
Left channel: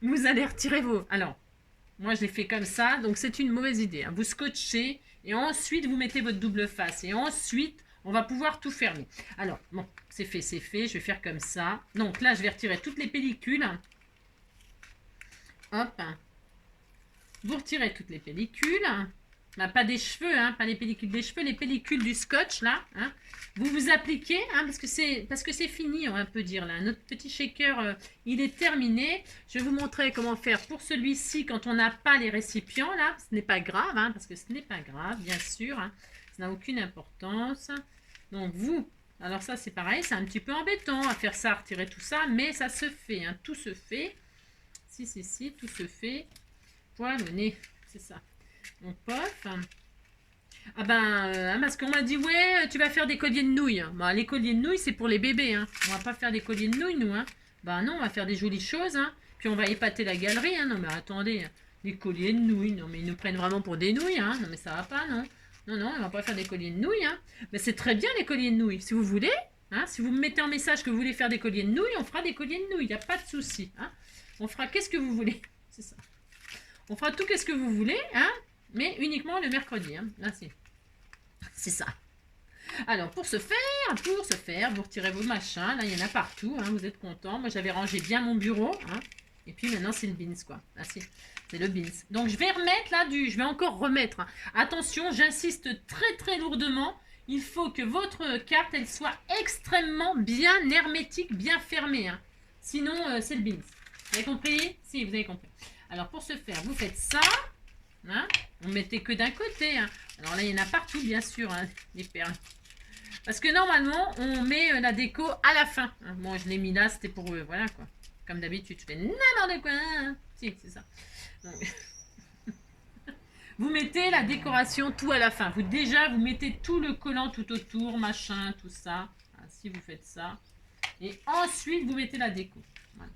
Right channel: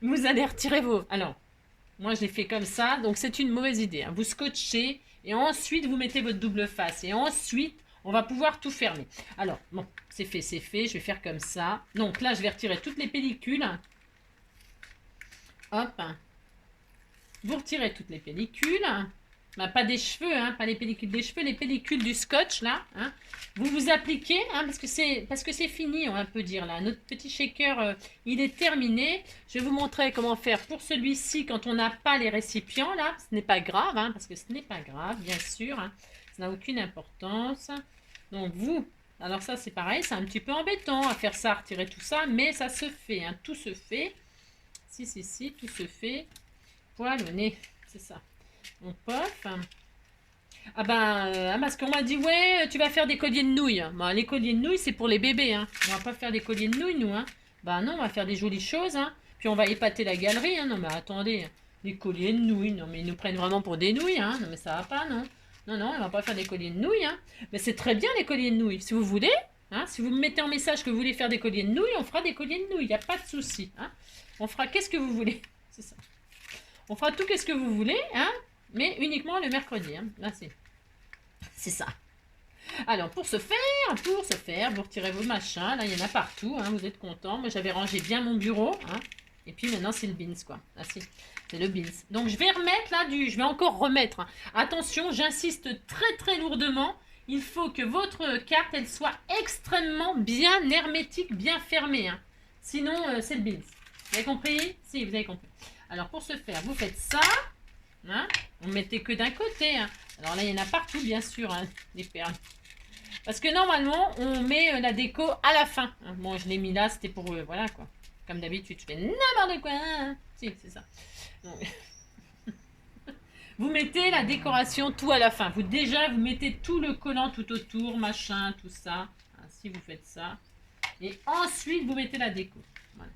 vous allez retirer vos... Alors... Moi, je l'ai fait comme ça, donc c'est une mauvaise idée. Hein. Vous scotchez et ensuite, vous mettez votre double face. Et ensuite, on va pouvoir tout fermer. Alors, bon, c'est fait, c'est fait. Je vais faire comme ça. Donc là, je vais retirer toutes les pellicules. Hop. Vous retirez toutes les pellicules. Bah, pas des cheveux, hein, pas les pellicules des cheveux, les pellicules du scotch, là. Hein. Vous vous appliquez, hein, parce que c'est fini, on peut dire, là. Notre petit shaker, il est terminé. Je vais vous montrer comment faire pour celui-ci quand on n'a pas les récipients, là. Ce n'est pas grave, hein, parce que ce n'est pas grave, bien sûr. Hein. Ça n'a aucune importance. Donc, vous... Alors ça, c'est pareil, c'est un petit peu embêtant à faire ça, à retirer tout ça, mais ça se fait, hein, tout se fait. Si, tout se fait. Poil au nez, c'est ça. On pof. Ah ben, parce qu'on m'a dit, ouais, tu vas faire des colliers de nouilles. Bah, les colliers de nouilles, c'est pour les bébés. Hein. On va pas faire des colliers de nouilles, nous. Hein. Bah non, on va faire des jolies choses. Hein. Puis on va épater la galerie. Hein. Non, mais attendez, des colliers de nouilles. Non, mais ils nous prennent vraiment pour des nouilles. Hein. Non, mais ça va pas, non. Non, on va pas faire des colliers de nouilles. Hein. Mais c'est très bien, les colliers de nouilles. Si vous voulez, hein, si vous me mettez en message que vous voulez faire des colliers de nouilles, on fera des colliers de nouilles. Il n'y a pas de souci. Hein. On fera qu'est-ce que vous voulez. C'est ça. On fera tout qu'est-ce que vous voulez, hein. Mais uniquement le mercredi. Hein. Là, c'est ça. Alors, pour ce faire, vous retirez vos machins. Là, il y en a partout. Hein, vous êtes contents. Moi, j'avais rangé bien mon bureau. Hein, et puis, maintenant, c'est le beans, quoi. Là, c'est le beans. Donc, je vais remettre là je vais encore remettre. Hein. Attention, j'insiste très, très lourdement. Il faut que votre carte, elle soit extrêmement bien hermétique, bien fermée. Hein. Sinon, c'est le beans. Vous avez compris? Si, vous avez compris. Alors, pour ce faire, vous faites ça. Hein, on ne mettait que d'un côté. Hein. Alors là, il y en a partout, bien sûr, hein, les perles. Parce que normalement, on met la déco à la fin. Hein. Bon, je l'ai mis là, c'était pour eux. Voilà, quoi. Comme d'habitude, je fais n'importe quoi. Hein. Si, c'est ça. Donc, vous mettez la décoration tout à la fin. Vous mettez tout le collant tout autour, machin, tout ça. Hein, si vous faites ça. Et ensuite, vous mettez la déco. Voilà.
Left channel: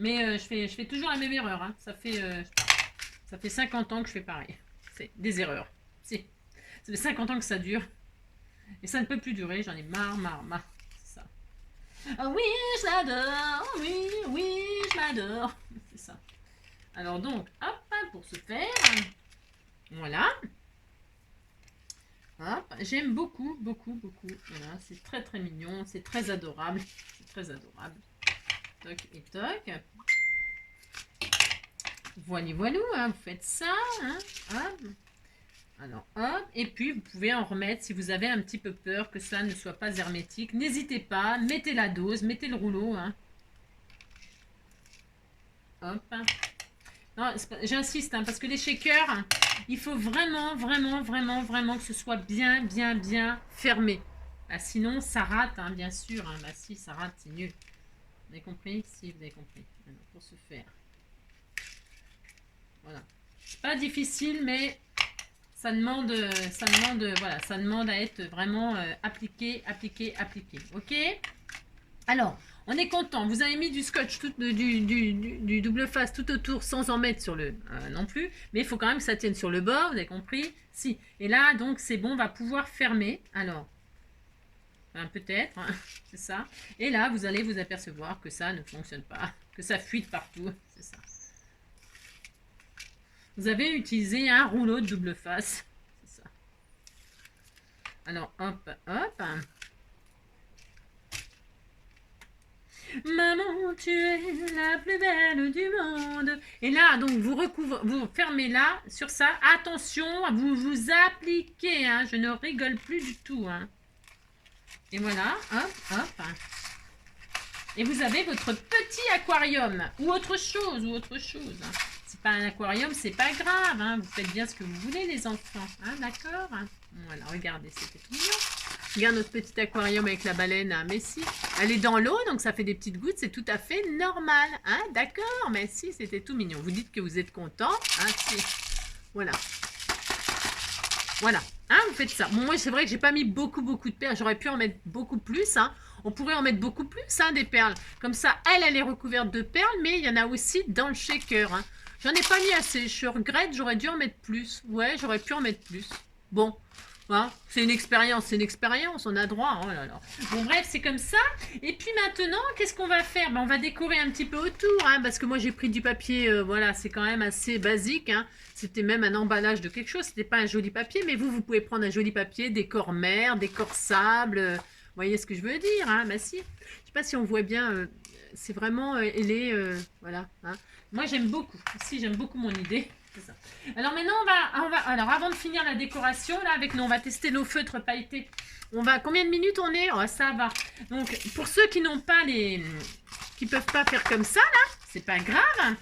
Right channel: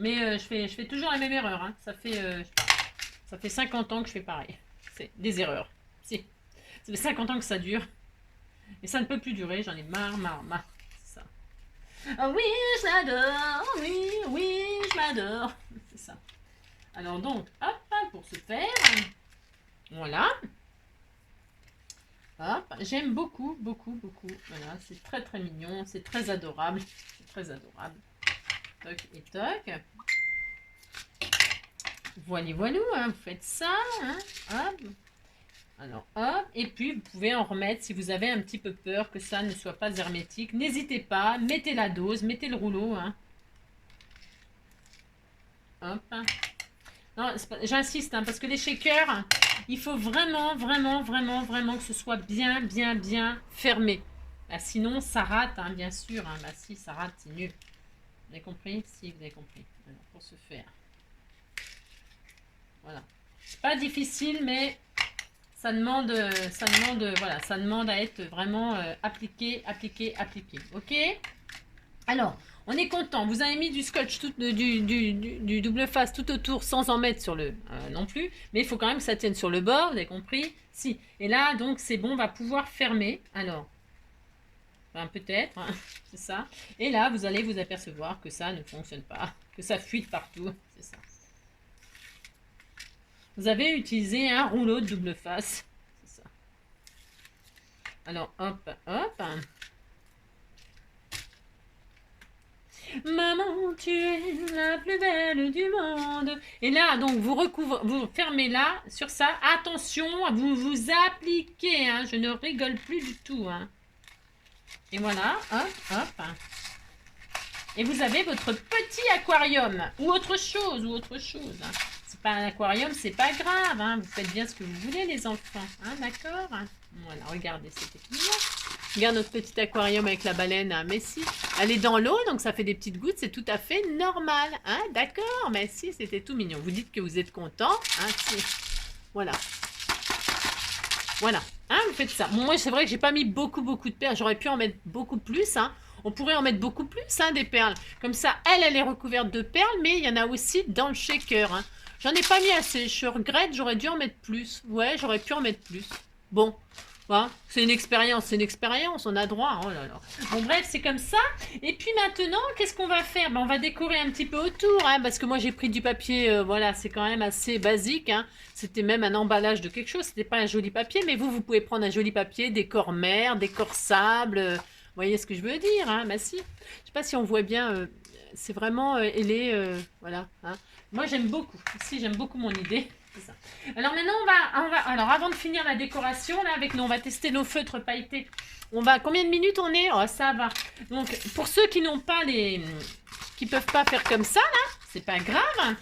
Mais je fais toujours la même erreur. Hein. Ça fait 50 ans que je fais pareil. C'est des erreurs. Si. Ça fait 50 ans que ça dure. Et ça ne peut plus durer. J'en ai marre. C'est ça. Oh oui, je l'adore. Oh oui, je m'adore. C'est ça. Alors donc, hop, pour ce faire. Voilà. Hop. J'aime beaucoup. Voilà, c'est très très mignon. C'est très adorable. C'est très adorable. Toc et toc. Voilà, hein, vous faites ça. Hein, hop. Alors, hop. Et puis, vous pouvez en remettre si vous avez un petit peu peur que ça ne soit pas hermétique. N'hésitez pas. Mettez la dose. Mettez le rouleau. Hein. Hop. Non, j'insiste, hein, parce que les shakers, il faut vraiment que ce soit bien fermé. Bah, sinon, ça rate, hein, bien sûr. Hein. Bah, si, ça rate, c'est mieux. Vous avez compris? Si, vous avez compris. Alors, pour ce faire. Voilà. C'est pas difficile, mais ça demande à être vraiment appliqué. Ok? Alors, on est content. Vous avez mis du scotch, du double face tout autour sans en mettre sur le non plus. Mais il faut quand même que ça tienne sur le bord. Vous avez compris? Si. Et là, donc, c'est bon. On va pouvoir fermer. Alors, peut-être. Hein, c'est ça. Et là, vous allez vous apercevoir que ça ne fonctionne pas que ça fuite partout. C'est ça. Vous avez utilisé un rouleau de double face. C'est ça. Alors, hop, hop. Maman, tu es la plus belle du monde. Et là, donc, vous fermez là, sur ça. Attention, vous vous appliquez, hein. Je ne rigole plus du tout, hein. Et voilà, hop, hop. Et vous avez votre petit aquarium. Ou autre chose, hein. C'est pas un aquarium, c'est pas grave, hein. Vous faites bien ce que vous voulez, les enfants, hein, d'accord? Voilà, regardez, c'était mignon. Regarde notre petit aquarium avec la baleine, hein. Mais si, elle est dans l'eau, donc ça fait des petites gouttes, c'est tout à fait normal, hein, d'accord? Mais si, c'était tout mignon. Vous dites que vous êtes content, hein, si. Voilà. Voilà, hein, vous faites ça. Bon, moi, c'est vrai que j'ai pas mis beaucoup de perles. J'aurais pu en mettre beaucoup plus, hein. On pourrait en mettre beaucoup plus, hein, des perles. Comme ça, elle est recouverte de perles, mais il y en a aussi dans le shaker, hein. J'en ai pas mis assez. Je regrette, j'aurais dû en mettre plus. Ouais, j'aurais pu en mettre plus. Bon, hein, c'est une expérience, on a droit. Oh là là. Bon, bref, c'est comme ça. Et puis maintenant, qu'est-ce qu'on va faire? Ben, on va décorer un petit peu autour, hein, parce que moi, j'ai pris du papier, voilà, c'est quand même assez basique, hein. C'était même un emballage de quelque chose, c'était pas un joli papier, mais vous pouvez prendre un joli papier, décor mer, décor sable, vous voyez ce que je veux dire, hein, bah si. Je sais pas si on voit bien, c'est vraiment, voilà, hein. Moi, j'aime beaucoup, ici, j'aime beaucoup mon idée. Ça. Alors maintenant, alors avant de finir la décoration, là, avec nous, on va tester nos feutres pailletés. Combien de minutes on est? Oh, ça va. Donc, pour ceux qui n'ont pas qui peuvent pas faire comme ça, là, c'est pas grave.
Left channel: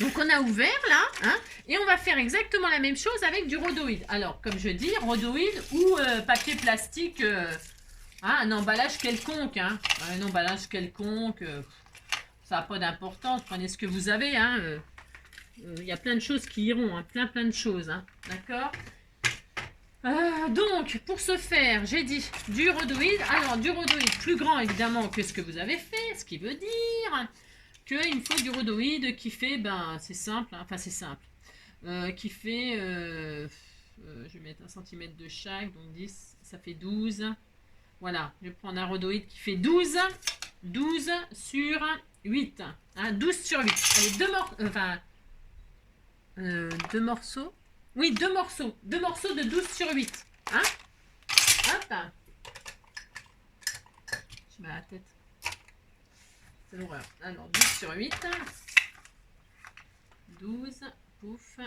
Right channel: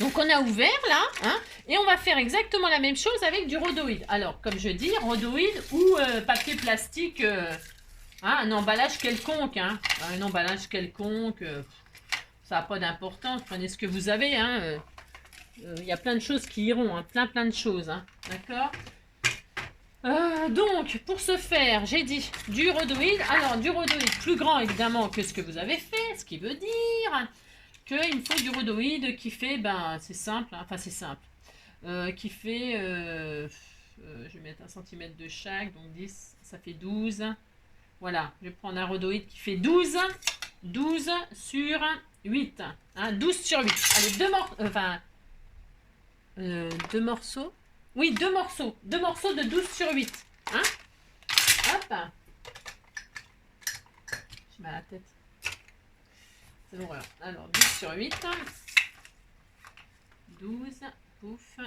Donc, on a ouvert, là, hein, et on va faire exactement la même chose avec du rhodoïde. Alors, comme je dis, rhodoïde ou papier plastique, hein, un emballage quelconque, hein. Un emballage quelconque, ça n'a pas d'importance. Prenez ce que vous avez, hein. Il y a plein de choses qui iront, hein, plein de choses, hein, d'accord? Donc, pour ce faire, j'ai dit du rhodoïde. Alors, du rhodoïde plus grand, évidemment, que ce que vous avez fait, ce qui veut dire qu'il me faut du rhodoïde qui fait, ben, c'est simple, hein, enfin, c'est simple, qui fait, je vais mettre 1 cm de chaque, donc 10, ça fait 12. Voilà, je vais prendre un rhodoïde qui fait 12 sur 8, hein, 12 sur 8. Allez, deux morceaux. Oui, deux morceaux de 12 sur 8. Hein? Hop. Je mets la tête. C'est l'horreur. Alors, 12 sur 8. 12. Pouf.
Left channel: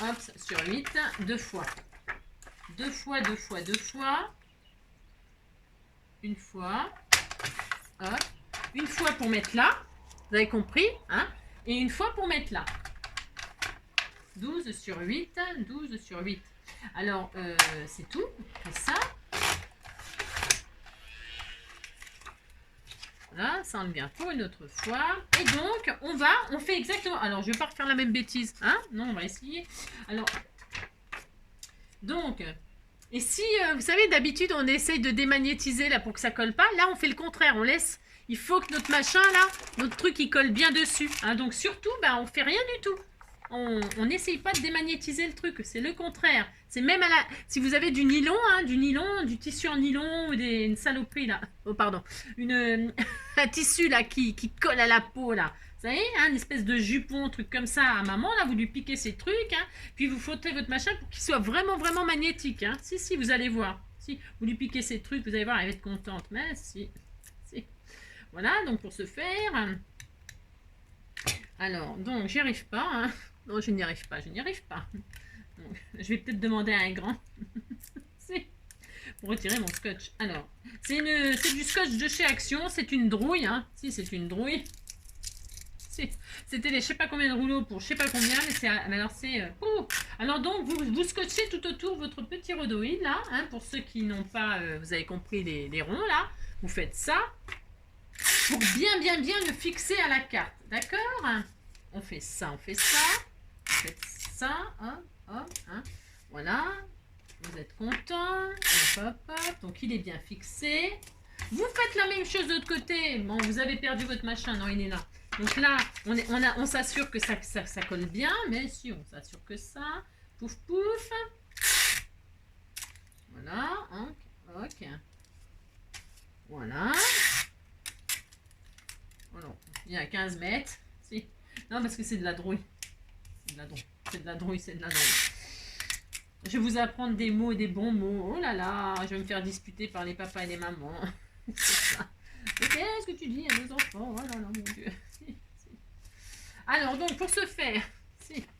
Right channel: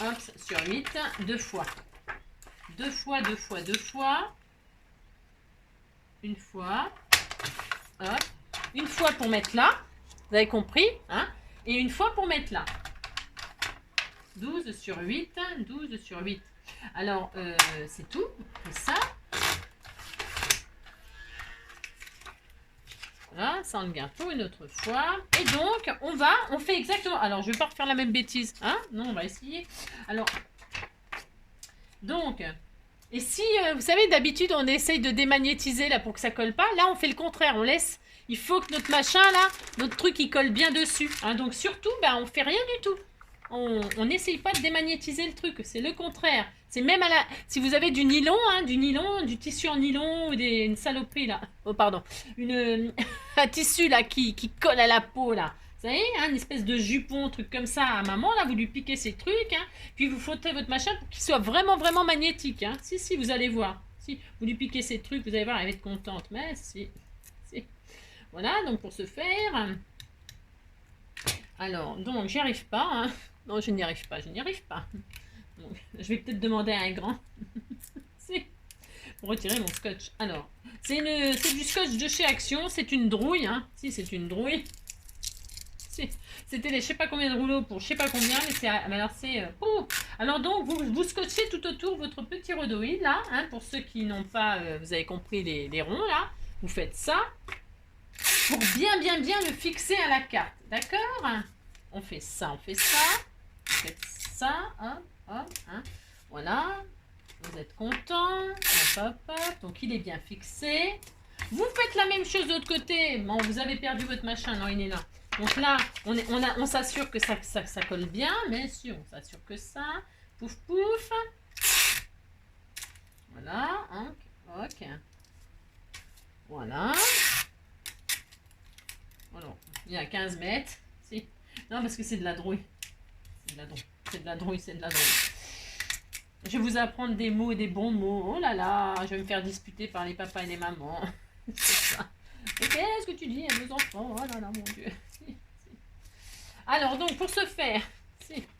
Hop, sur 8. 2 fois. 2 fois. Une fois. Hop. Une fois pour mettre là. Vous avez compris, hein? Et une fois pour mettre là. 12 sur 8, 12 sur 8. Alors, c'est tout. On fait ça. Voilà, ça enlève bien pour une autre fois. Et donc, on fait exactement... Alors, je ne vais pas refaire la même bêtise, hein? Non, on va essayer. Alors, donc... Et si, vous savez, d'habitude, on essaye de démagnétiser, là, pour que ça colle pas. Là, on fait le contraire. On laisse... Il faut que notre machin, là, notre truc, il colle bien dessus. Hein? Donc, surtout, bah, on fait rien du tout. On n'essaye pas de démagnétiser le truc, c'est le contraire. C'est même si vous avez du nylon, hein, du tissu en nylon ou une saloperie là. Oh pardon, un tissu là qui colle à la peau là. Vous savez, hein, une espèce de jupon, truc comme ça à maman là, vous lui piquez ces trucs, hein, puis vous frottez votre machin pour qu'il soit vraiment magnétique. Hein. Si, vous allez voir. Si vous lui piquez ces trucs, vous allez voir, elle va être contente. Mais si. Voilà, donc pour ce faire. Alors, donc j'y arrive pas, hein. Non, je n'y arrive pas. Donc, je vais peut-être demander à un grand pour retirer mon scotch. Alors, c'est du scotch de chez Action, c'est une drouille, hein. Si, c'est une drouille. C'était les je sais pas combien de rouleaux pour je sais pas combien, mais alors donc, vous scotchez tout autour votre petit rhodoïde, là, hein, pour ceux qui n'ont pas, vous avez compris les ronds, là. Vous faites ça pour bien le fixer à la carte, d'accord? On fait ça. Faites ça, hop, hein. Voilà, vous êtes content, hop, donc il est bien fixé. Vous faites la même chose de l'autre côté. Bon, vous avez perdu votre machin, non, il est là. Donc là, on s'assure que ça colle bien, mais si, on s'assure que ça, pouf, voilà, ok, voilà. Oh non, il y a 15 mètres. Si. Non, parce que c'est de la drouille. C'est de la drouille. C'est de la drouille, c'est de la drouille. Je vais vous apprendre des mots, des bons mots. Oh là là, je vais me faire disputer par les papas et les mamans. C'est ça. Et qu'est-ce que tu dis à nos enfants? Oh là là, mon Dieu. Alors, donc, pour ce faire,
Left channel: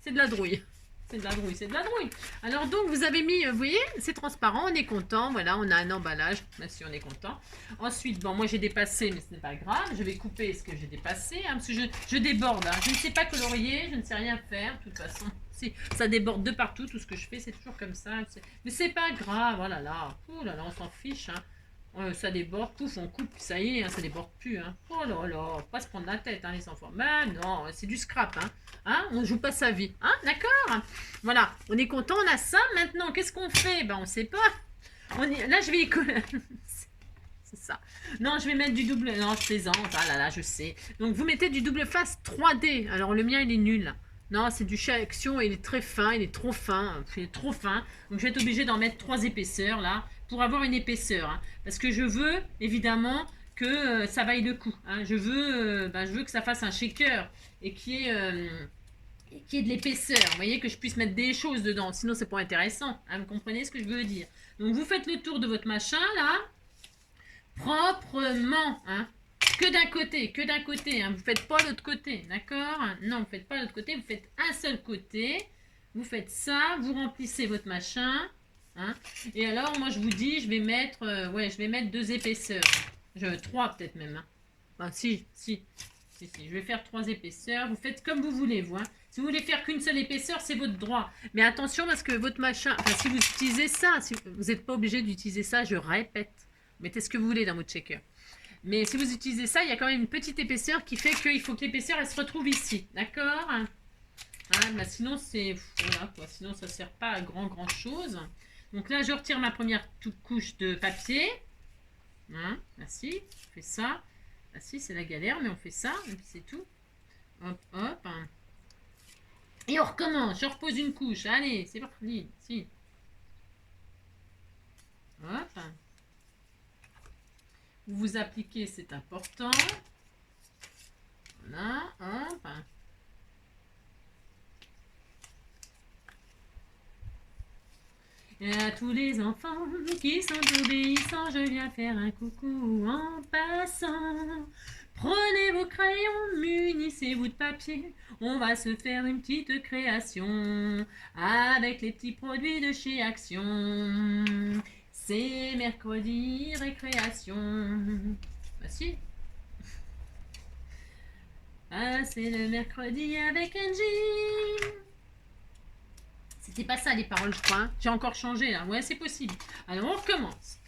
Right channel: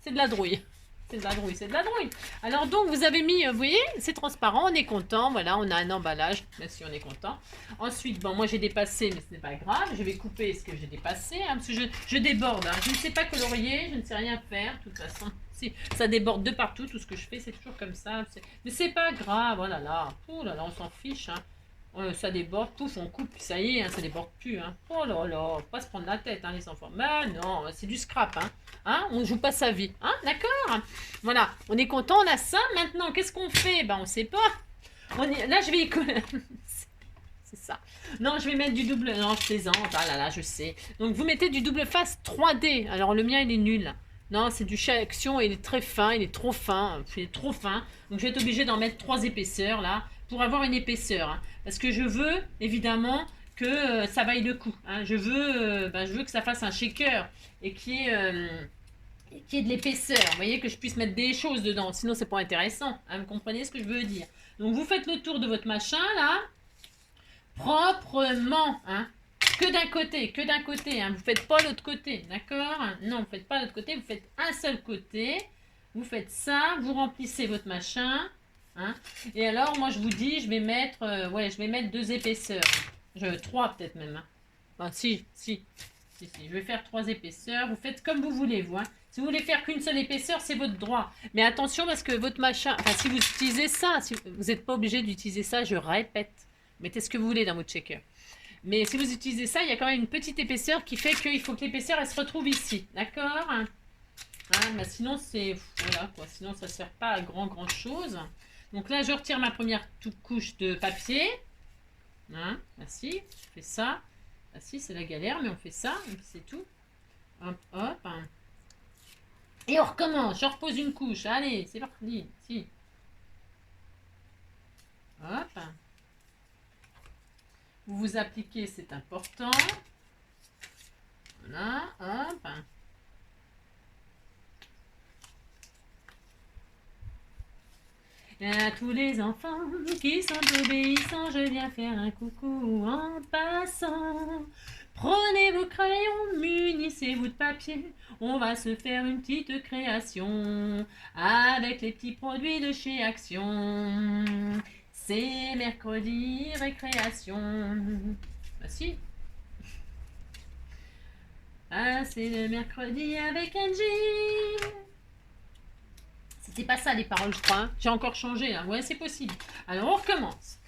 c'est de la drouille. C'est de la drouille, c'est de la drouille. Alors, donc, vous avez mis, vous voyez, c'est transparent, on est content. Voilà, on a un emballage, même si on est content. Ensuite, bon, moi, j'ai dépassé, mais ce n'est pas grave. Je vais couper ce que j'ai dépassé, hein, parce que je déborde. Hein. Je ne sais pas colorier, je ne sais rien faire, de toute façon. Si, ça déborde de partout, tout ce que je fais, c'est toujours comme ça. Mais c'est pas grave, oh là là, on s'en fiche, hein. Ça déborde, pouf, on coupe, ça y est, hein, ça déborde plus. Hein. Oh là là, faut pas se prendre la tête, hein, les enfants. Mais non, c'est du scrap, hein. Hein, on joue pas sa vie, hein, d'accord. Voilà, on est content, on a ça. Maintenant, qu'est-ce qu'on fait? Ben, on sait pas. Là, je vais y coller. C'est ça. Non, je vais mettre du double... Non, je plaisante. Ah là là, je sais. Donc, vous mettez du double face 3D. Alors, le mien, il est nul. Non, c'est du chat action. Il est très fin. Il est trop fin. Il est trop fin. Donc, je vais être obligée d'en mettre 3 épaisseurs, là, pour avoir une épaisseur. Hein. Parce que je veux, évidemment, que ça vaille le coup. Hein. Je veux que ça fasse un shaker et qu'il y ait de l'épaisseur. Vous voyez, que je puisse mettre des choses dedans. Sinon, c'est pas intéressant. Hein. Vous comprenez ce que je veux dire? Donc, vous faites le tour de votre machin, là. Proprement, hein. Que d'un côté, hein. Vous faites pas l'autre côté, d'accord? Non, vous faites pas l'autre côté, vous faites un seul côté. Vous faites ça, vous remplissez votre machin, hein. Et alors, moi, je vous dis, je vais mettre 2 épaisseurs. 3 peut-être même, hein. Enfin, si. Je vais faire 3 épaisseurs. Vous faites comme vous voulez, vous, hein. Si vous voulez faire qu'une seule épaisseur, c'est votre droit. Mais attention, parce que votre machin... Enfin, si vous utilisez ça, vous n'êtes pas obligé d'utiliser ça, je répète. Mettez ce que vous voulez dans votre shaker. Mais si vous utilisez ça, il y a quand même une petite épaisseur qui fait qu'il faut que l'épaisseur, elle se retrouve ici. D'accord? Hein, bah sinon, c'est... Voilà, quoi. Sinon, ça ne sert pas à grand chose. Donc là, je retire ma première couche de papier. Hein, ainsi, je fais ça. Ah si, c'est la galère, mais on fait ça, et puis c'est tout. Hop, hop. Et on recommence. Je repose une couche. Allez, c'est parti. Si. Hop. Vous vous appliquez, c'est important. Voilà, hop. Et à tous les enfants qui sont obéissants, je viens faire un coucou en passant. Prenez vos crayons, munissez-vous de papier. On va se faire une petite création avec les petits produits de chez Action. C'est mercredi récréation. Bah si. Ah, c'est le mercredi avec Angie. C'était pas ça les paroles, je crois. Hein. J'ai encore changé là. Ouais, c'est possible. Alors, on recommence.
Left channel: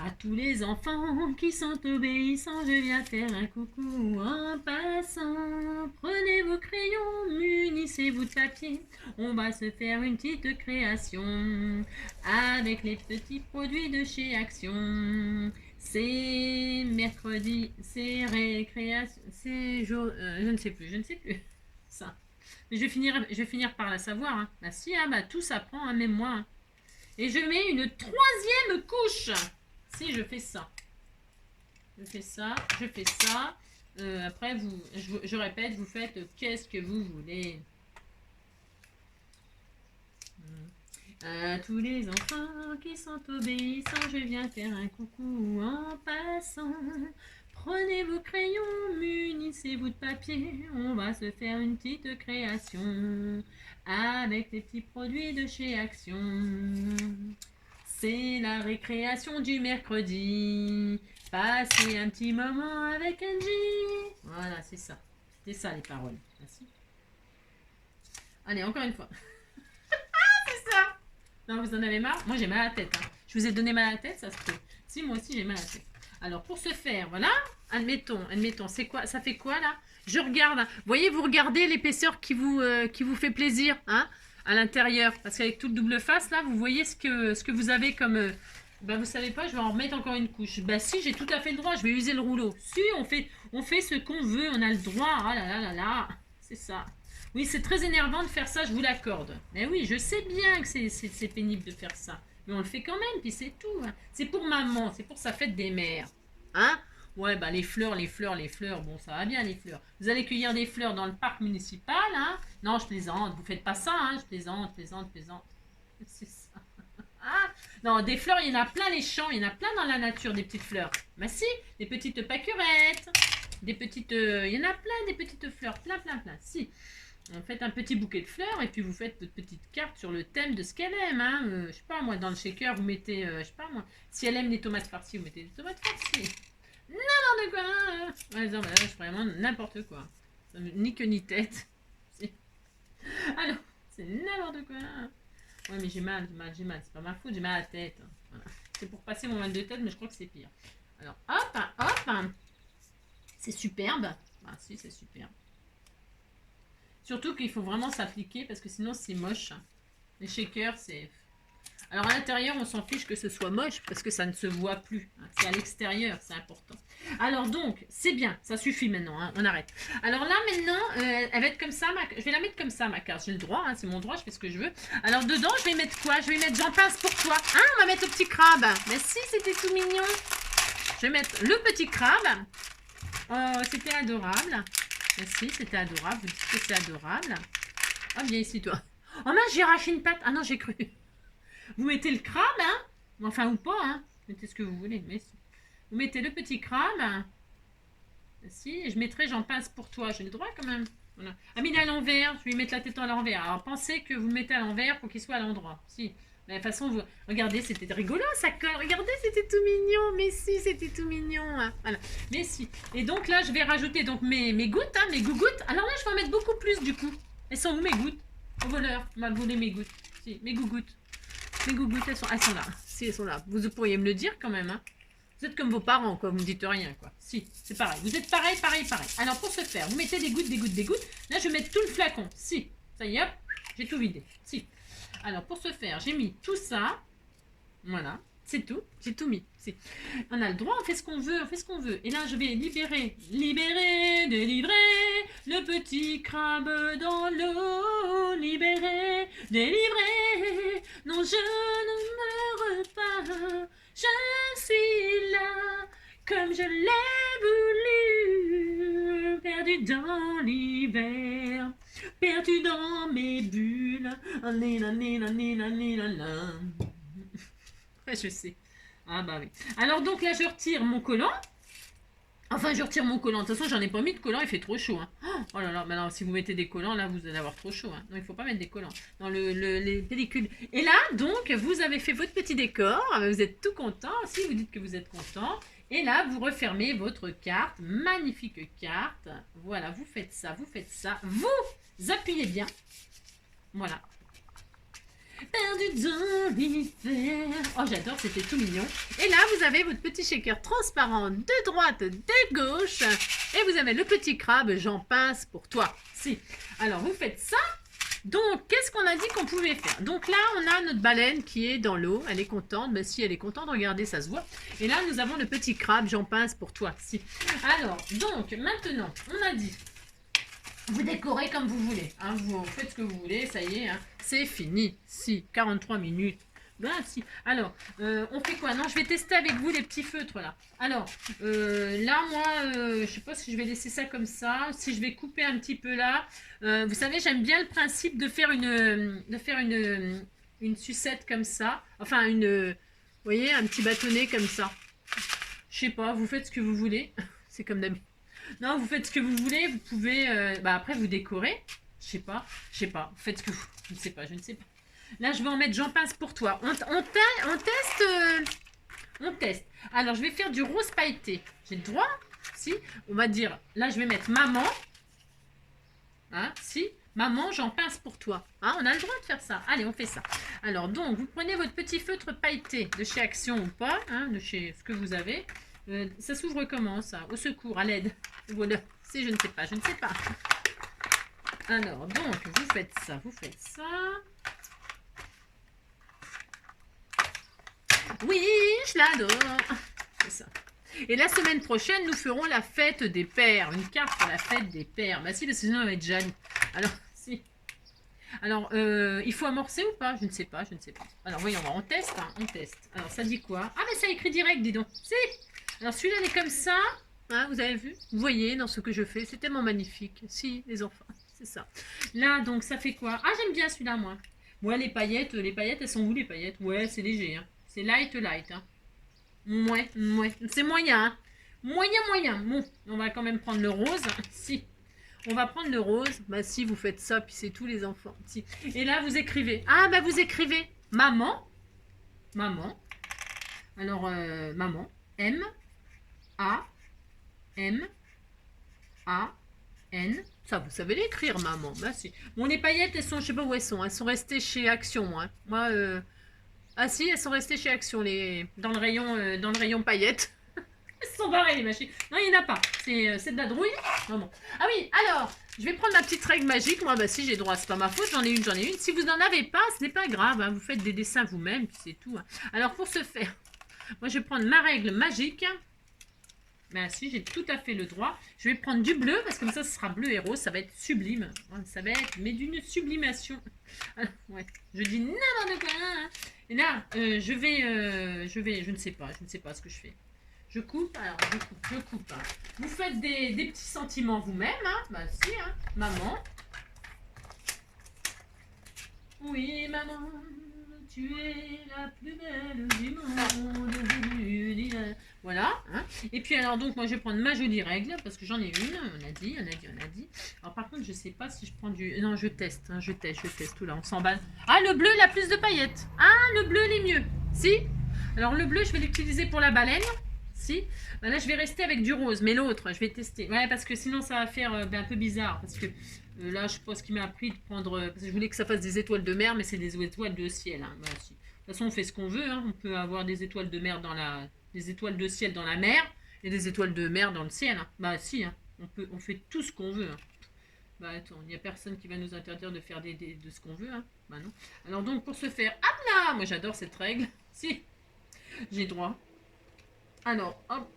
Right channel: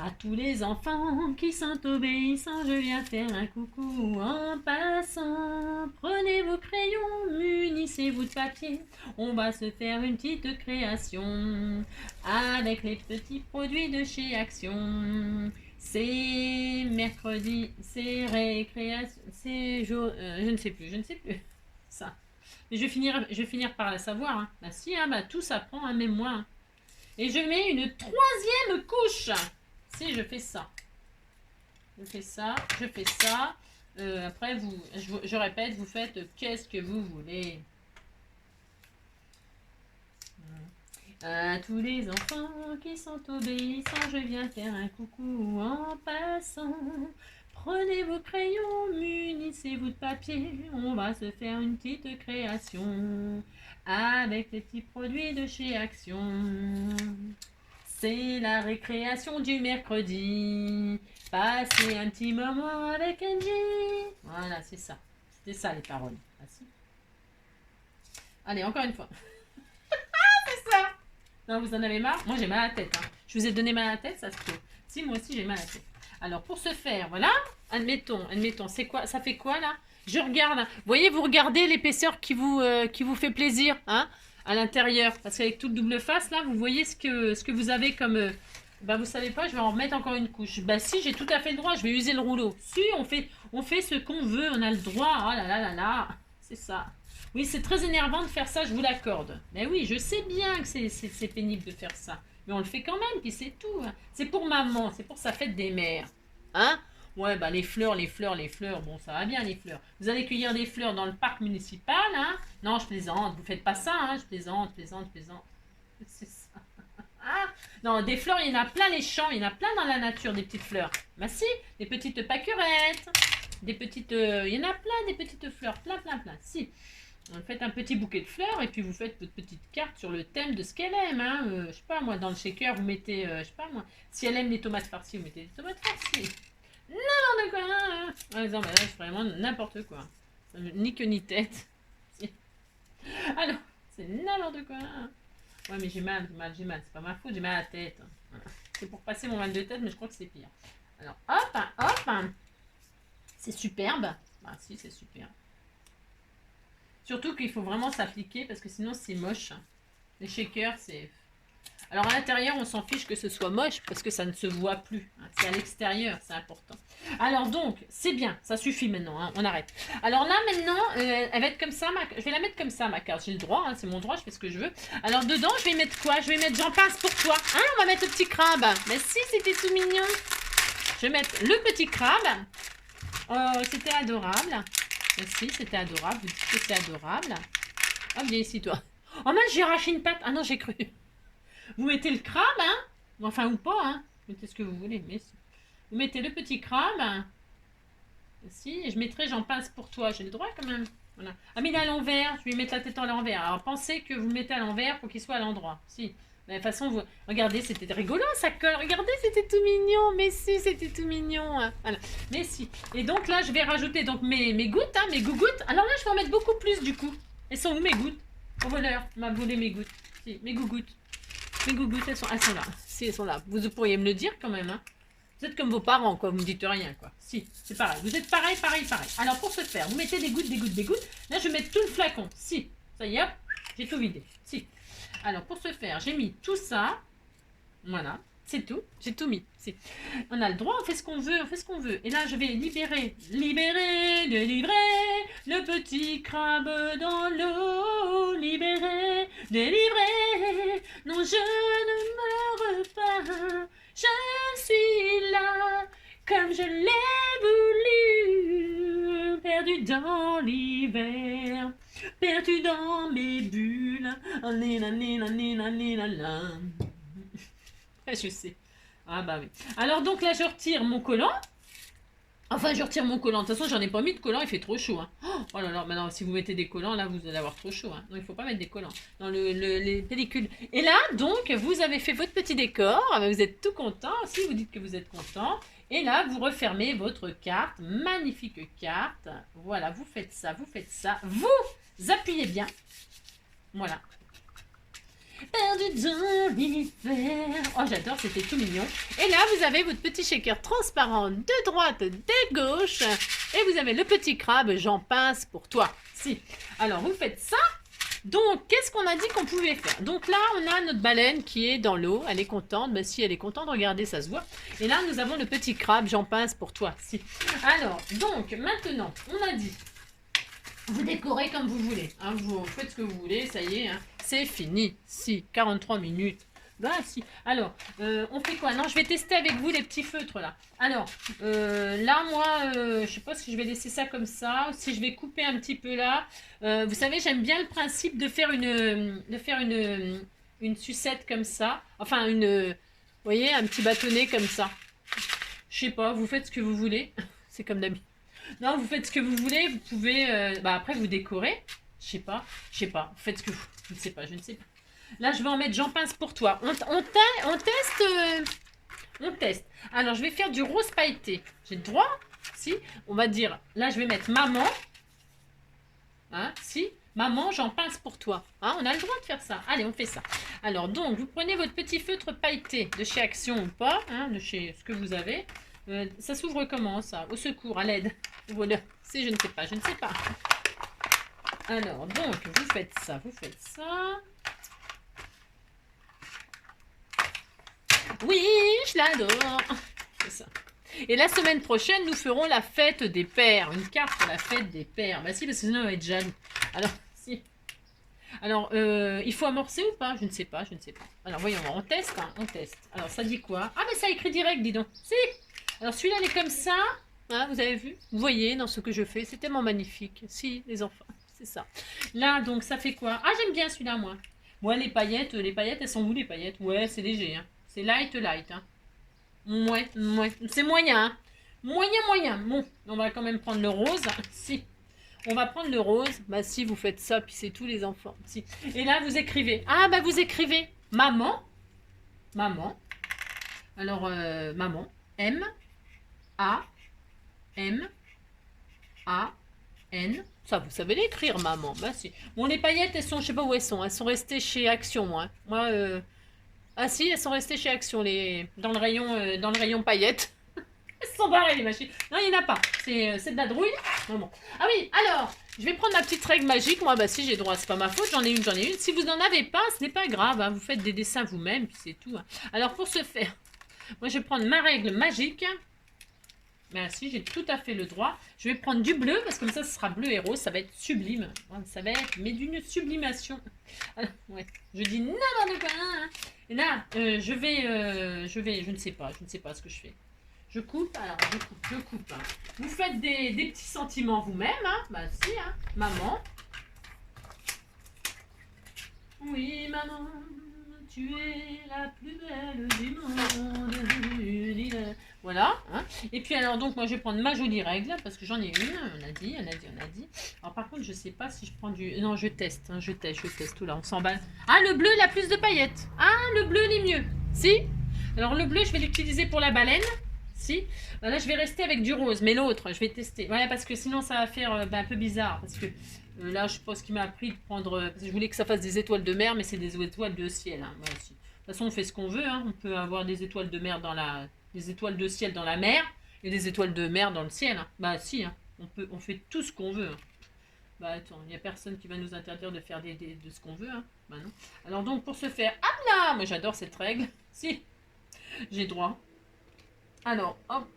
À tous les enfants qui sont obéissants, je viens faire un coucou en passant. Prenez vos crayons, munissez-vous de papier. On va se faire une petite création avec les petits produits de chez Action. C'est mercredi, c'est récréation, c'est jour... je ne sais plus. Ça. Mais je vais finir par la savoir. Hein. Bah si, hein, bah, tout s'apprend, hein, même moi. Hein. Et je mets une 3e couche. Si, je fais ça. Après, je répète, vous faites qu'est-ce que vous voulez. À tous les enfants qui sont obéissants, je viens faire un coucou en passant. Prenez vos crayons, munissez-vous de papier. On va se faire une petite création avec les petits produits de chez Action. C'est la récréation du mercredi. Passez un petit moment avec Angie. Voilà, c'est ça. C'était ça les paroles. Merci. Allez, encore une fois. C'est ça. Non, vous en avez marre? Moi, j'ai mal à la tête. Hein. Je vous ai donné mal à la tête, ça se peut. Si, moi aussi, j'ai mal à la tête. Alors, pour ce faire, voilà. Admettons, c'est quoi? Ça fait quoi, là? Je regarde. Vous voyez, vous regardez l'épaisseur qui vous fait plaisir, hein, à l'intérieur. Parce qu'avec tout le double face, là, vous voyez ce que vous avez comme... bah, vous savez pas, je vais en remettre encore une couche. Bah, si, j'ai tout à fait le droit. Je vais user le rouleau. Si, on fait ce qu'on veut. On a le droit. Oh là là là là. C'est ça. Oui, c'est très énervant de faire ça, je vous l'accorde. Mais oui, je sais bien que c'est pénible de faire ça. Mais on le fait quand même, puis c'est tout. Hein. C'est pour maman, c'est pour sa fête des mères. Hein? Ouais, bah les fleurs, bon, ça va bien les fleurs. Vous allez cueillir des fleurs dans le parc municipal, hein? Non, je plaisante, vous faites pas ça, hein? Je plaisante. C'est ça. Ah, non, des fleurs, il y en a plein les champs, il y en a plein dans la nature, des petites fleurs. Bah si, des petites pâquerettes, des petites... il y en a plein, des petites fleurs, plein. Si, vous faites un petit bouquet de fleurs et puis vous faites votre petite carte sur le thème de ce qu'elle aime, hein. Je sais pas, moi, dans le shaker, vous mettez, je sais pas, moi, si elle aime les tomates farcies, vous mettez des tomates farcies. N'importe quoi, hein. Ouais, non, bah là, je fais vraiment n'importe quoi. Ni queue ni tête. Si. Alors, c'est n'importe quoi. Ouais, mais j'ai mal. C'est pas ma faute, j'ai mal à la tête. Voilà. C'est pour passer mon mal de tête, mais je crois que c'est pire. Alors, hop. C'est superbe. Ah, si, c'est superbe. Surtout qu'il faut vraiment s'appliquer parce que sinon, c'est moche. Les shakers, c'est... Alors, à l'intérieur, on s'en fiche que ce soit moche parce que ça ne se voit plus. Hein. C'est à l'extérieur, c'est important. Alors donc, c'est bien, ça suffit maintenant, hein, on arrête. Alors là, maintenant, elle va être comme ça, je vais la mettre comme ça, ma carte. J'ai le droit, hein, c'est mon droit, je fais ce que je veux. Alors dedans, je vais mettre quoi? Je vais mettre j'en pince pour toi. Hein, on va mettre le petit crabe. Mais si, c'était tout mignon. Je vais mettre le petit crabe. C'était adorable. Mais si, c'était adorable. Vous dites que c'est adorable. Ah, viens ici, toi. Oh mince, j'ai arraché une patte. Ah non, j'ai cru. Vous mettez le crabe, hein? Enfin, ou pas, hein? Mettez ce que vous voulez, mais si. Vous mettez le petit crabe. Si, je mettrai j'en pince pour toi. J'ai le droit quand même. Voilà. Ah, mais il est à l'envers. Je vais lui mettre la tête à l'envers. Alors, pensez que vous mettez à l'envers pour qu'il soit à l'endroit. Si. Mais de toute façon, vous... regardez, c'était rigolo, ça colle. Regardez, c'était tout mignon. Mais si, c'était tout mignon. Hein. Voilà. Mais si. Et donc là, je vais rajouter donc mes gouttes, hein, mes gougouttes. Alors là, je vais en mettre beaucoup plus du coup. Elles sont où mes gouttes? Au voleur m'a volé mes gouttes. Si, mes gougouttes. Mes gougouttes, elles sont là. Si, elles sont là. Vous pourriez me le dire quand même, hein. Vous êtes comme vos parents, quoi. Vous me dites rien, quoi. Si, c'est pareil. Vous êtes pareil. Alors, pour ce faire, vous mettez des gouttes. Là, je vais mettre tout le flacon. Si. Ça y est, hop. J'ai tout vidé. Si. Alors, pour ce faire, j'ai mis tout ça. Voilà. C'est tout. J'ai tout mis. Si. On a le droit, on fait ce qu'on veut. Et là, je vais délivrer le petit crabe dans l'eau. Délivrer. Non, je ne meurs pas. Je suis là, comme je l'ai voulu, perdu dans l'hiver, perdu dans mes bulles. Ouais, je sais. Ah bah oui. Alors donc là, je retire mon collant. Enfin, je retire mon collant. De toute façon, j'en ai pas mis de collant, il fait trop chaud. Hein. Oh là là, maintenant, si vous mettez des collants, là, vous allez avoir trop chaud. Hein. Non, il faut pas mettre des collants dans les pellicules. Et là, donc, vous avez fait votre petit décor. Vous êtes tout content. Si vous dites que vous êtes content. Et là, vous refermez votre carte. Magnifique carte. Voilà, vous faites ça. Vous appuyez bien. Voilà. Perdu dans l'hiver. Oh, j'adore, c'était tout mignon. Et là, vous avez votre petit shaker transparent de droite, de gauche. Et vous avez le petit crabe, j'en pince pour toi. Si. Alors, vous faites ça. Donc, qu'est-ce qu'on a dit qu'on pouvait faire? Donc là, on a notre baleine qui est dans l'eau. Elle est contente. Ben, si elle est contente, regardez, ça se voit. Et là, nous avons le petit crabe, j'en pince pour toi. Si. Alors, donc, maintenant, on a dit... Vous décorez comme vous voulez. Hein, vous faites ce que vous voulez, ça y est. Hein, c'est fini. Si, 43 minutes. Ben si. Alors, on fait quoi? Non, je vais tester avec vous les petits feutres là. Alors, là, moi, je sais pas si je vais laisser ça comme ça. Si je vais couper un petit peu là. Vous savez, j'aime bien le principe de faire une sucette comme ça. Enfin, vous voyez, un petit bâtonnet comme ça. Je sais pas, vous faites ce que vous voulez. C'est comme d'habitude. Non, vous faites ce que vous voulez, vous pouvez... après, vous décorez. Je sais pas. Vous faites ce que vous... Je ne sais pas. Là, je vais en mettre j'en pince pour toi. On teste... on teste. Alors, je vais faire du rose pailleté. J'ai le droit? Si. On va dire... Là, je vais mettre maman. Hein? Si. Maman, j'en pince pour toi. Hein? On a le droit de faire ça. Allez, on fait ça. Alors, donc, vous prenez votre petit feutre pailleté de chez Action ou pas. Hein, de chez ce que vous avez. Ça s'ouvre comment ça? Au secours, à l'aide. Voilà. Si, je ne sais pas. Alors, donc, vous faites ça. Oui, je l'adore. C'est ça. Et la semaine prochaine, nous ferons la fête des pères. Une carte pour la fête des pères. Bah si, parce que sinon, on va être jaloux. Alors, si. Alors, il faut amorcer ou pas? Je ne sais pas. Alors, voyons, on teste. Alors, ça dit quoi? Ah, mais ça écrit direct, dis donc. Si. Alors celui-là, il est comme ça. Hein, vous avez vu? Vous voyez dans ce que je fais, c'est tellement magnifique. Si, les enfants, c'est ça. Là, donc, ça fait quoi? Ah, j'aime bien celui-là, moi. Moi, les paillettes, elles sont où les paillettes? Ouais, c'est léger. Hein. C'est light, light. Hein. Ouais, ouais. C'est moyen. Hein. Moyen, moyen. Bon, on va quand même prendre le rose. Si. On va prendre le rose. Bah si, vous faites ça, puis c'est tout les enfants. Si. Et là, vous écrivez. Ah, bah vous écrivez maman. Maman. Alors, maman. M. A. M. A. N. Ça, vous savez l'écrire, maman. Bah si. Bon, les paillettes, elles sont, je sais pas où elles sont. Elles sont restées chez Action, hein. Moi, ah si, elles sont restées chez Action, dans le rayon paillettes. Elles sont barrées, les machines. Non, il n'y en a pas. C'est de la drouille. Non, bon. Ah oui, alors, je vais prendre ma petite règle magique. Moi, bah si, j'ai droit. C'est pas ma faute. J'en ai une, j'en ai une. Si vous n'en avez pas, ce n'est pas grave. Hein. Vous faites des dessins vous-même, puis c'est tout. Hein. Alors, pour ce faire, moi, je vais prendre ma règle magique. Ben si, j'ai tout à fait le droit. Je vais prendre du bleu, parce que comme ça, ce sera bleu et rose. Ça va être sublime. Ça va être, mais d'une sublimation. Ouais, je dis n'importe quoi. Hein. Et là, je ne sais pas ce que je fais. Je coupe, alors je coupe. Hein. Vous faites des petits sentiments vous-même, hein. Bah si, hein. Maman. Oui, maman, tu es la plus belle du monde. Voilà. Hein. Et puis alors donc moi je vais prendre ma jolie règle parce que j'en ai une. On a dit. Alors par contre je sais pas si je prends du. Non je teste. Hein, je teste. Tout là on s'emballe. Ah le bleu la plus de paillettes. Ah le bleu les mieux. Si. Alors le bleu je vais l'utiliser pour la baleine. Si. Ben là je vais rester avec du rose. Mais l'autre je vais tester. Ouais parce que sinon ça va faire un peu bizarre parce que. Là, je pense qu'il m'a appris de prendre. Parce que je voulais que ça fasse des étoiles de mer, mais c'est des étoiles de ciel. Hein. Voilà, si. De toute façon, on fait ce qu'on veut. Hein. On peut avoir des étoiles de mer des étoiles de ciel dans la mer et des étoiles de mer dans le ciel. Hein. Bah, si, hein. On fait tout ce qu'on veut. Hein. Bah, attends, il n'y a personne qui va nous interdire de faire de ce qu'on veut. Hein. Bah, non. Alors, donc, pour ce faire. Ah là! Moi, j'adore cette règle. Si, j'ai droit. Alors, hop.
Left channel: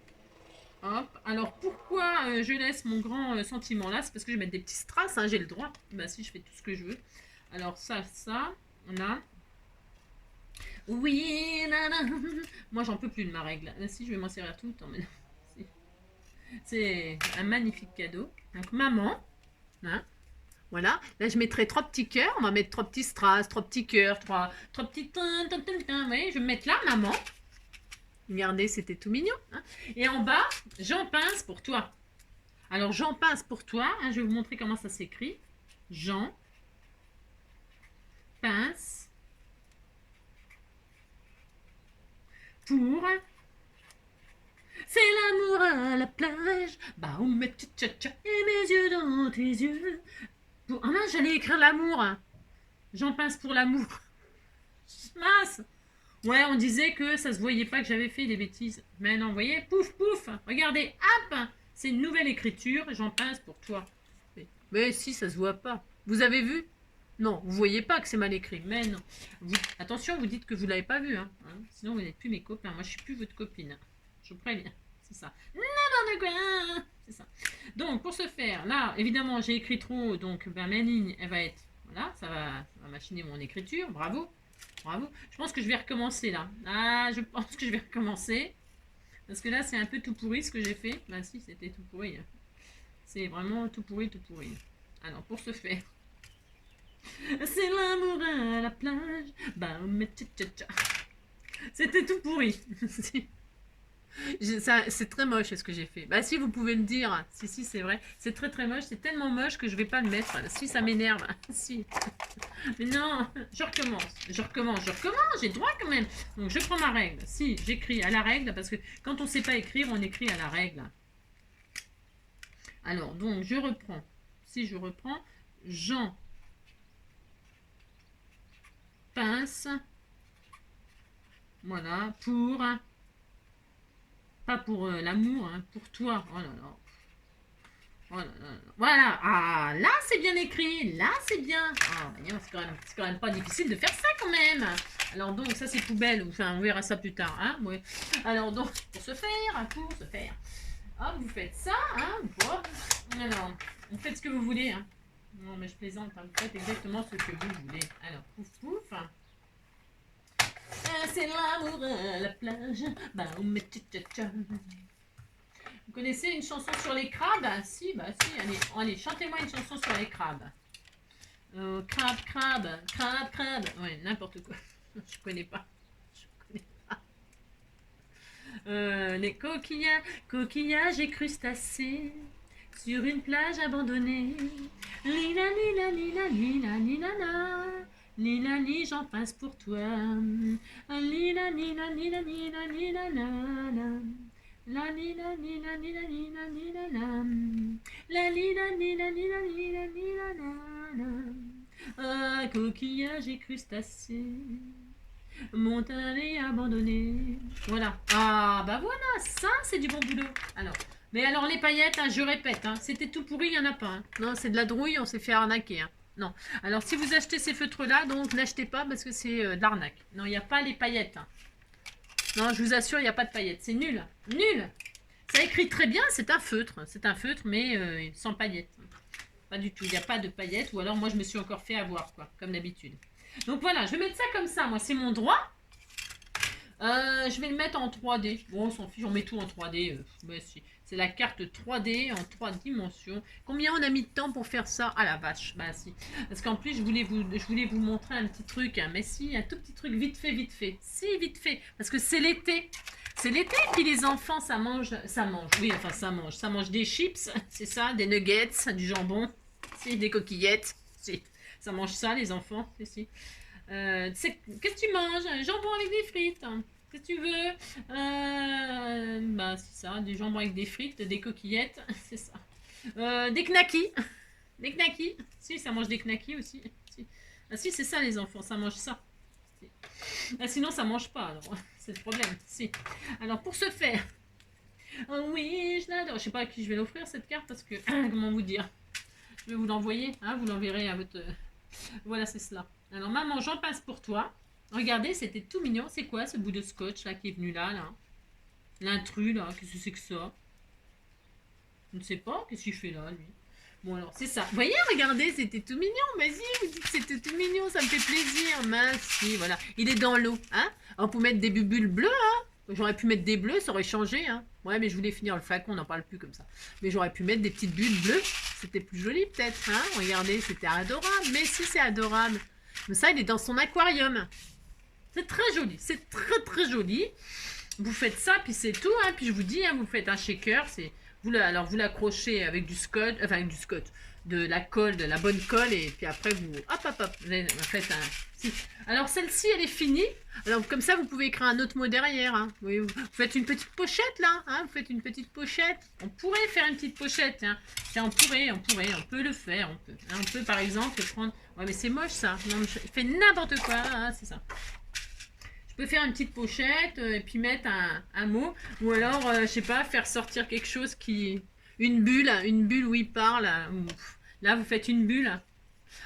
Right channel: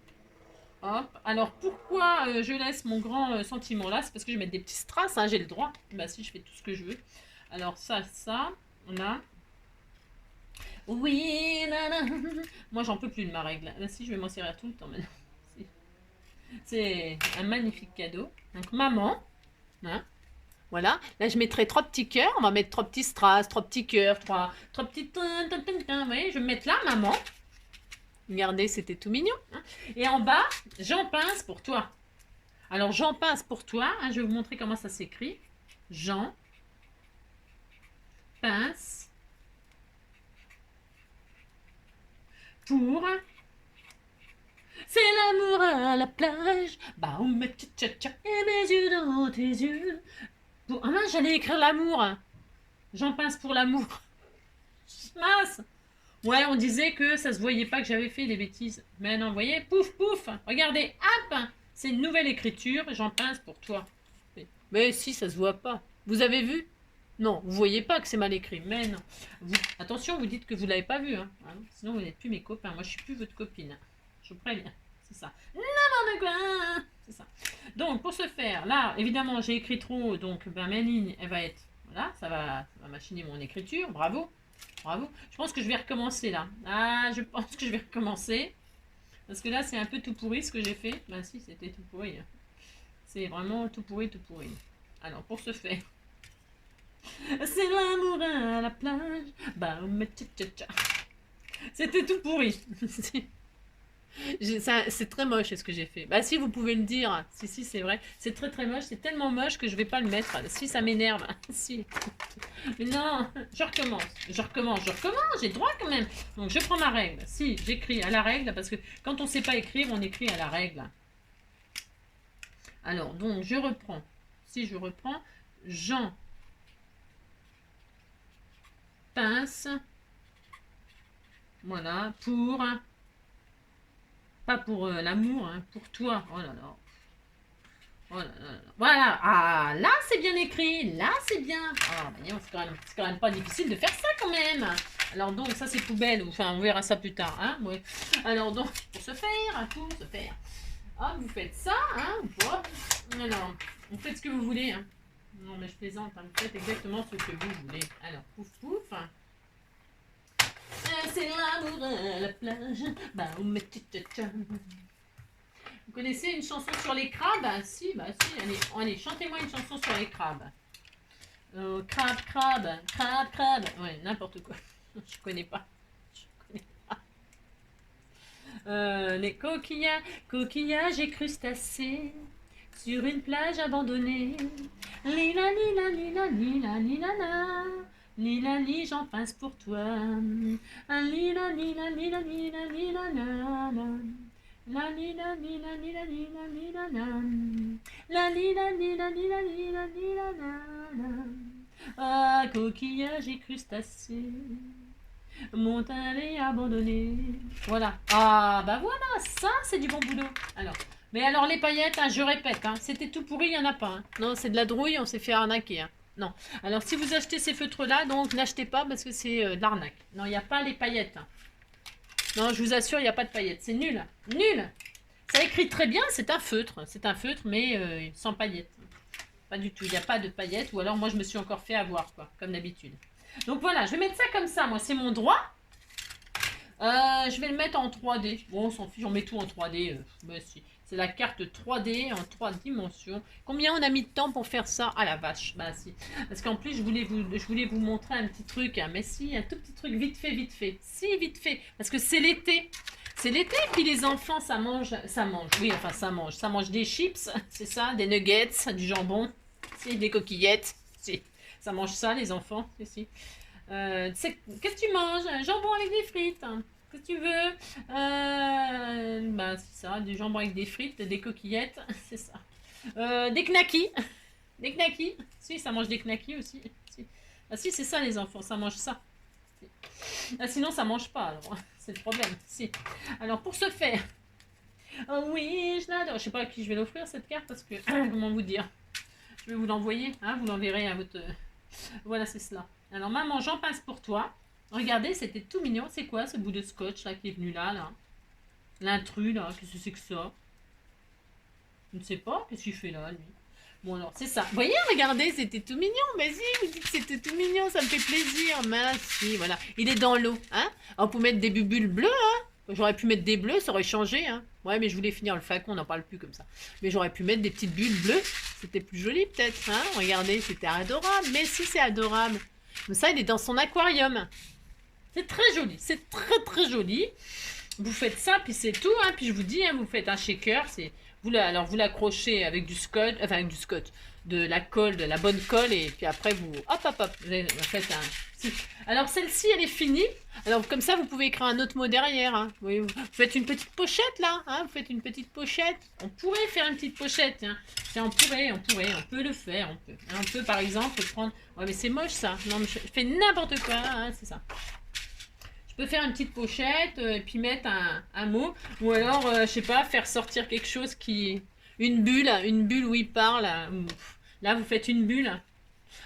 Hop. Alors pourquoi je laisse mon grand sentiment là? C'est parce que je vais mettre des petits strass, hein, j'ai le droit. Bah si, je fais tout ce que je veux. Alors ça, on a. Oui, nanana. Moi j'en peux plus de ma règle. Si, je vais m'en servir tout le temps maintenant. C'est un magnifique cadeau. Donc maman, hein. Voilà, là je mettrai 3 petits cœurs, on va mettre 3 petits strass, 3 petits cœurs, 3 petits... Vous voyez, je vais mettre là maman. Regardez, c'était tout mignon. Hein. Et en bas, Jean pince pour toi. Alors, Jean pince pour toi. Hein, je vais vous montrer comment ça s'écrit. Jean pince pour... C'est l'amour à la plage. Bah, on met tcha-tcha et mes yeux dans tes yeux. Pour... Ah mince, j'allais écrire l'amour. Jean pince pour l'amour. Mince. Ouais, on disait que ça se voyait pas que j'avais fait des bêtises. Mais non, vous voyez, pouf, pouf. Regardez, hop. C'est une nouvelle écriture. J'en pince pour toi. Mais si, ça se voit pas. Vous avez vu? Non, vous voyez pas que c'est mal écrit. Mais non. Attention, vous dites que vous l'avez pas vu. Hein. Sinon, vous n'êtes plus mes copains. Moi, je suis plus votre copine. Je vous préviens. C'est ça. N'importe quoi. C'est ça. Donc, pour ce faire, là, évidemment, j'ai écrit trop. Donc, ben, ma ligne, elle va être... Voilà, ça va machiner mon écriture. Bravo. Bravo. Je pense que je vais recommencer là. Ah, je pense que je vais recommencer. Parce que là, c'est un peu tout pourri ce que j'ai fait. Ben si, c'était tout pourri. C'est vraiment tout pourri, tout pourri. Alors, pour ce faire. C'est l'amour à la plage. Bah, c'était tout pourri. C'est très moche ce que j'ai fait. Bah si, vous pouvez le dire. Si, c'est vrai. C'est très très moche. C'est tellement moche que je vais pas le mettre. Si, ça m'énerve. Si. Mais non, je recommence. J'ai le droit quand même. Donc je prends ma règle. Si, j'écris à la règle parce que quand on sait pas écrire, on écrit à la règle. Alors, donc je reprends. Si je reprends, Jean pince. Voilà, pour... Pas pour l'amour, hein, pour toi. Oh là là. Oh là là. Voilà. Ah, là, c'est bien écrit. Là, c'est bien. Ah, c'est quand même pas difficile de faire ça quand même. Alors, donc, ça, c'est poubelle. Enfin, on verra ça plus tard. Hein, ouais. Alors, donc, pour se faire. Hop, vous faites ça. Hein, alors, vous faites ce que vous voulez. Hein. Non, mais je plaisante. Hein, vous faites exactement ce que vous voulez. Alors, pouf, pouf. C'est l'amour à la plage. Bah, on met tcha-tcha. Vous connaissez une chanson sur les crabes? Si, bah si, allez, chantez-moi une chanson sur les crabes. Crabe, crabe, crabe, crabe. Ouais, n'importe quoi. Je connais pas. Je connais pas. Les coquillages et crustacés sur une plage abandonnée. Lila, lila, lila, lila, lila, la. Lila, li, j'en pince pour toi. Lila, lila, lila, lila, lila, la, la. La lila, lila, lila, lila, lila, la. La lila, lila, lila, lila, lila, la, la. Ah, coquillage et crustacés, montagne abandonnée. Voilà. Ah, bah voilà, ça, c'est du bon boulot. Mais alors les paillettes, hein, je répète, hein, c'était tout pourri, il n'y en a pas. Hein. Non, c'est de la drouille, on s'est fait arnaquer. Hein. Non. Alors, si vous achetez ces feutres-là, donc n'achetez pas parce que c'est de l'arnaque. Non, il n'y a pas les paillettes. Hein. Non, je vous assure, il n'y a pas de paillettes. C'est nul. Nul. Ça écrit très bien, c'est un feutre. C'est un feutre, mais sans paillettes. Pas du tout, il n'y a pas de paillettes. Ou alors, moi, je me suis encore fait avoir, quoi, comme d'habitude. Donc, voilà, je vais mettre ça comme ça. Moi, c'est mon droit. Je vais le mettre en 3D. Bon, on s'en fiche, on met tout en 3D. Mais si. C'est la carte 3D en 3 dimensions. Combien on a mis de temps pour faire ça? Ah la vache, bah si. Parce qu'en plus, je voulais vous montrer un petit truc. Hein. Mais si, un tout petit truc vite fait, vite fait. Si, vite fait. Parce que c'est l'été. C'est l'été, puis les enfants, ça mange. Oui, enfin, ça mange des chips, c'est ça, des nuggets, du jambon, si, des coquillettes. Si, ça mange ça, les enfants. Si. Qu'est-ce que tu manges? Un jambon avec des frites. Hein. Qu'est-ce que tu veux? Bah, c'est ça, du jambon avec des frites, des coquillettes, c'est ça. Des knackis. Des knackis. Si, ça mange des knackis aussi. Si. Ah si, c'est ça les enfants, ça mange ça. Si. Ah, sinon, ça mange pas, alors. C'est le problème. Si. Alors, pour ce faire... Oh oui, je l'adore. Je sais pas à qui je vais l'offrir, cette carte, parce que... Comment vous dire? Je vais vous l'envoyer, hein, vous l'enverrez à votre... Voilà, c'est cela. Alors, maman, j'en passe pour toi. Regardez, c'était tout mignon. C'est quoi ce bout de scotch là qui est venu là? L'intrus là, qu'est-ce que c'est que ça? Je ne sais pas, qu'est-ce qu'il fait là lui? Bon alors, c'est ça. Vous voyez, regardez, c'était tout mignon. Mais si, vous dites que c'était tout mignon, ça me fait plaisir. Merci, voilà. Il est dans l'eau, hein? On peut mettre des bubules bleues, hein? J'aurais pu mettre des bleus, ça aurait changé, hein? Ouais, mais je voulais finir le flacon, on n'en parle plus comme ça. Mais j'aurais pu mettre des petites bulles bleues. C'était plus joli peut-être, hein? Regardez, c'était adorable. Mais si, c'est adorable. Mais ça, il est dans son aquarium. C'est très joli, c'est très très joli. Vous faites ça, puis c'est tout. Hein. Puis je vous dis, hein, vous faites un shaker. Alors vous l'accrochez avec du scotch, enfin avec du scotch, de la colle, de la bonne colle, et puis après vous, hop, vous faites un. Si. Alors celle-ci, elle est finie. Alors comme ça, vous pouvez écrire un autre mot derrière. Hein. Vous faites une petite pochette là. Hein. Vous faites une petite pochette. On pourrait faire une petite pochette. Hein. On peut le faire. On peut par exemple prendre. Ouais, mais c'est moche ça. Non, je fais n'importe quoi. Hein, c'est ça. Je peux faire une petite pochette et puis mettre un mot. Ou alors, je sais pas, faire sortir quelque chose qui... Une bulle où il parle. Là, vous faites une bulle.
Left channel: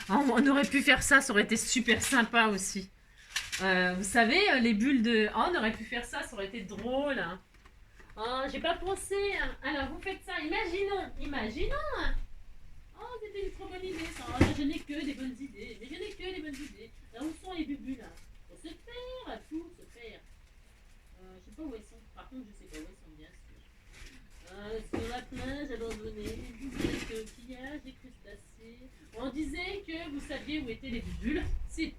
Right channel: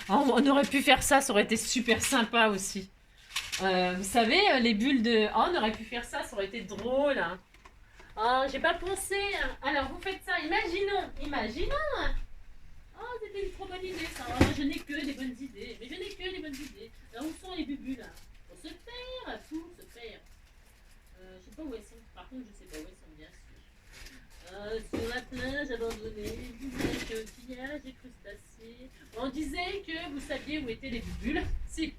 Oh, on aurait pu faire ça, ça aurait été super sympa aussi. Vous savez, les bulles de... Oh, on aurait pu faire ça, ça aurait été drôle. Hein. Oh, j'ai pas pensé. Hein. Alors, vous faites ça, imaginons. Oh, c'était une trop bonne idée, ça. Oh, je n'ai que des bonnes idées. Mais je n'ai que des bonnes idées. Alors, où sont les bulles, là? Pour se faire. Je sais pas où elles sont. Par contre, je sais pas où elles sont, bien sûr. Sur la plage abandonnée, coquillages et crustacés. On disait que vous saviez où étaient les bulles. Si.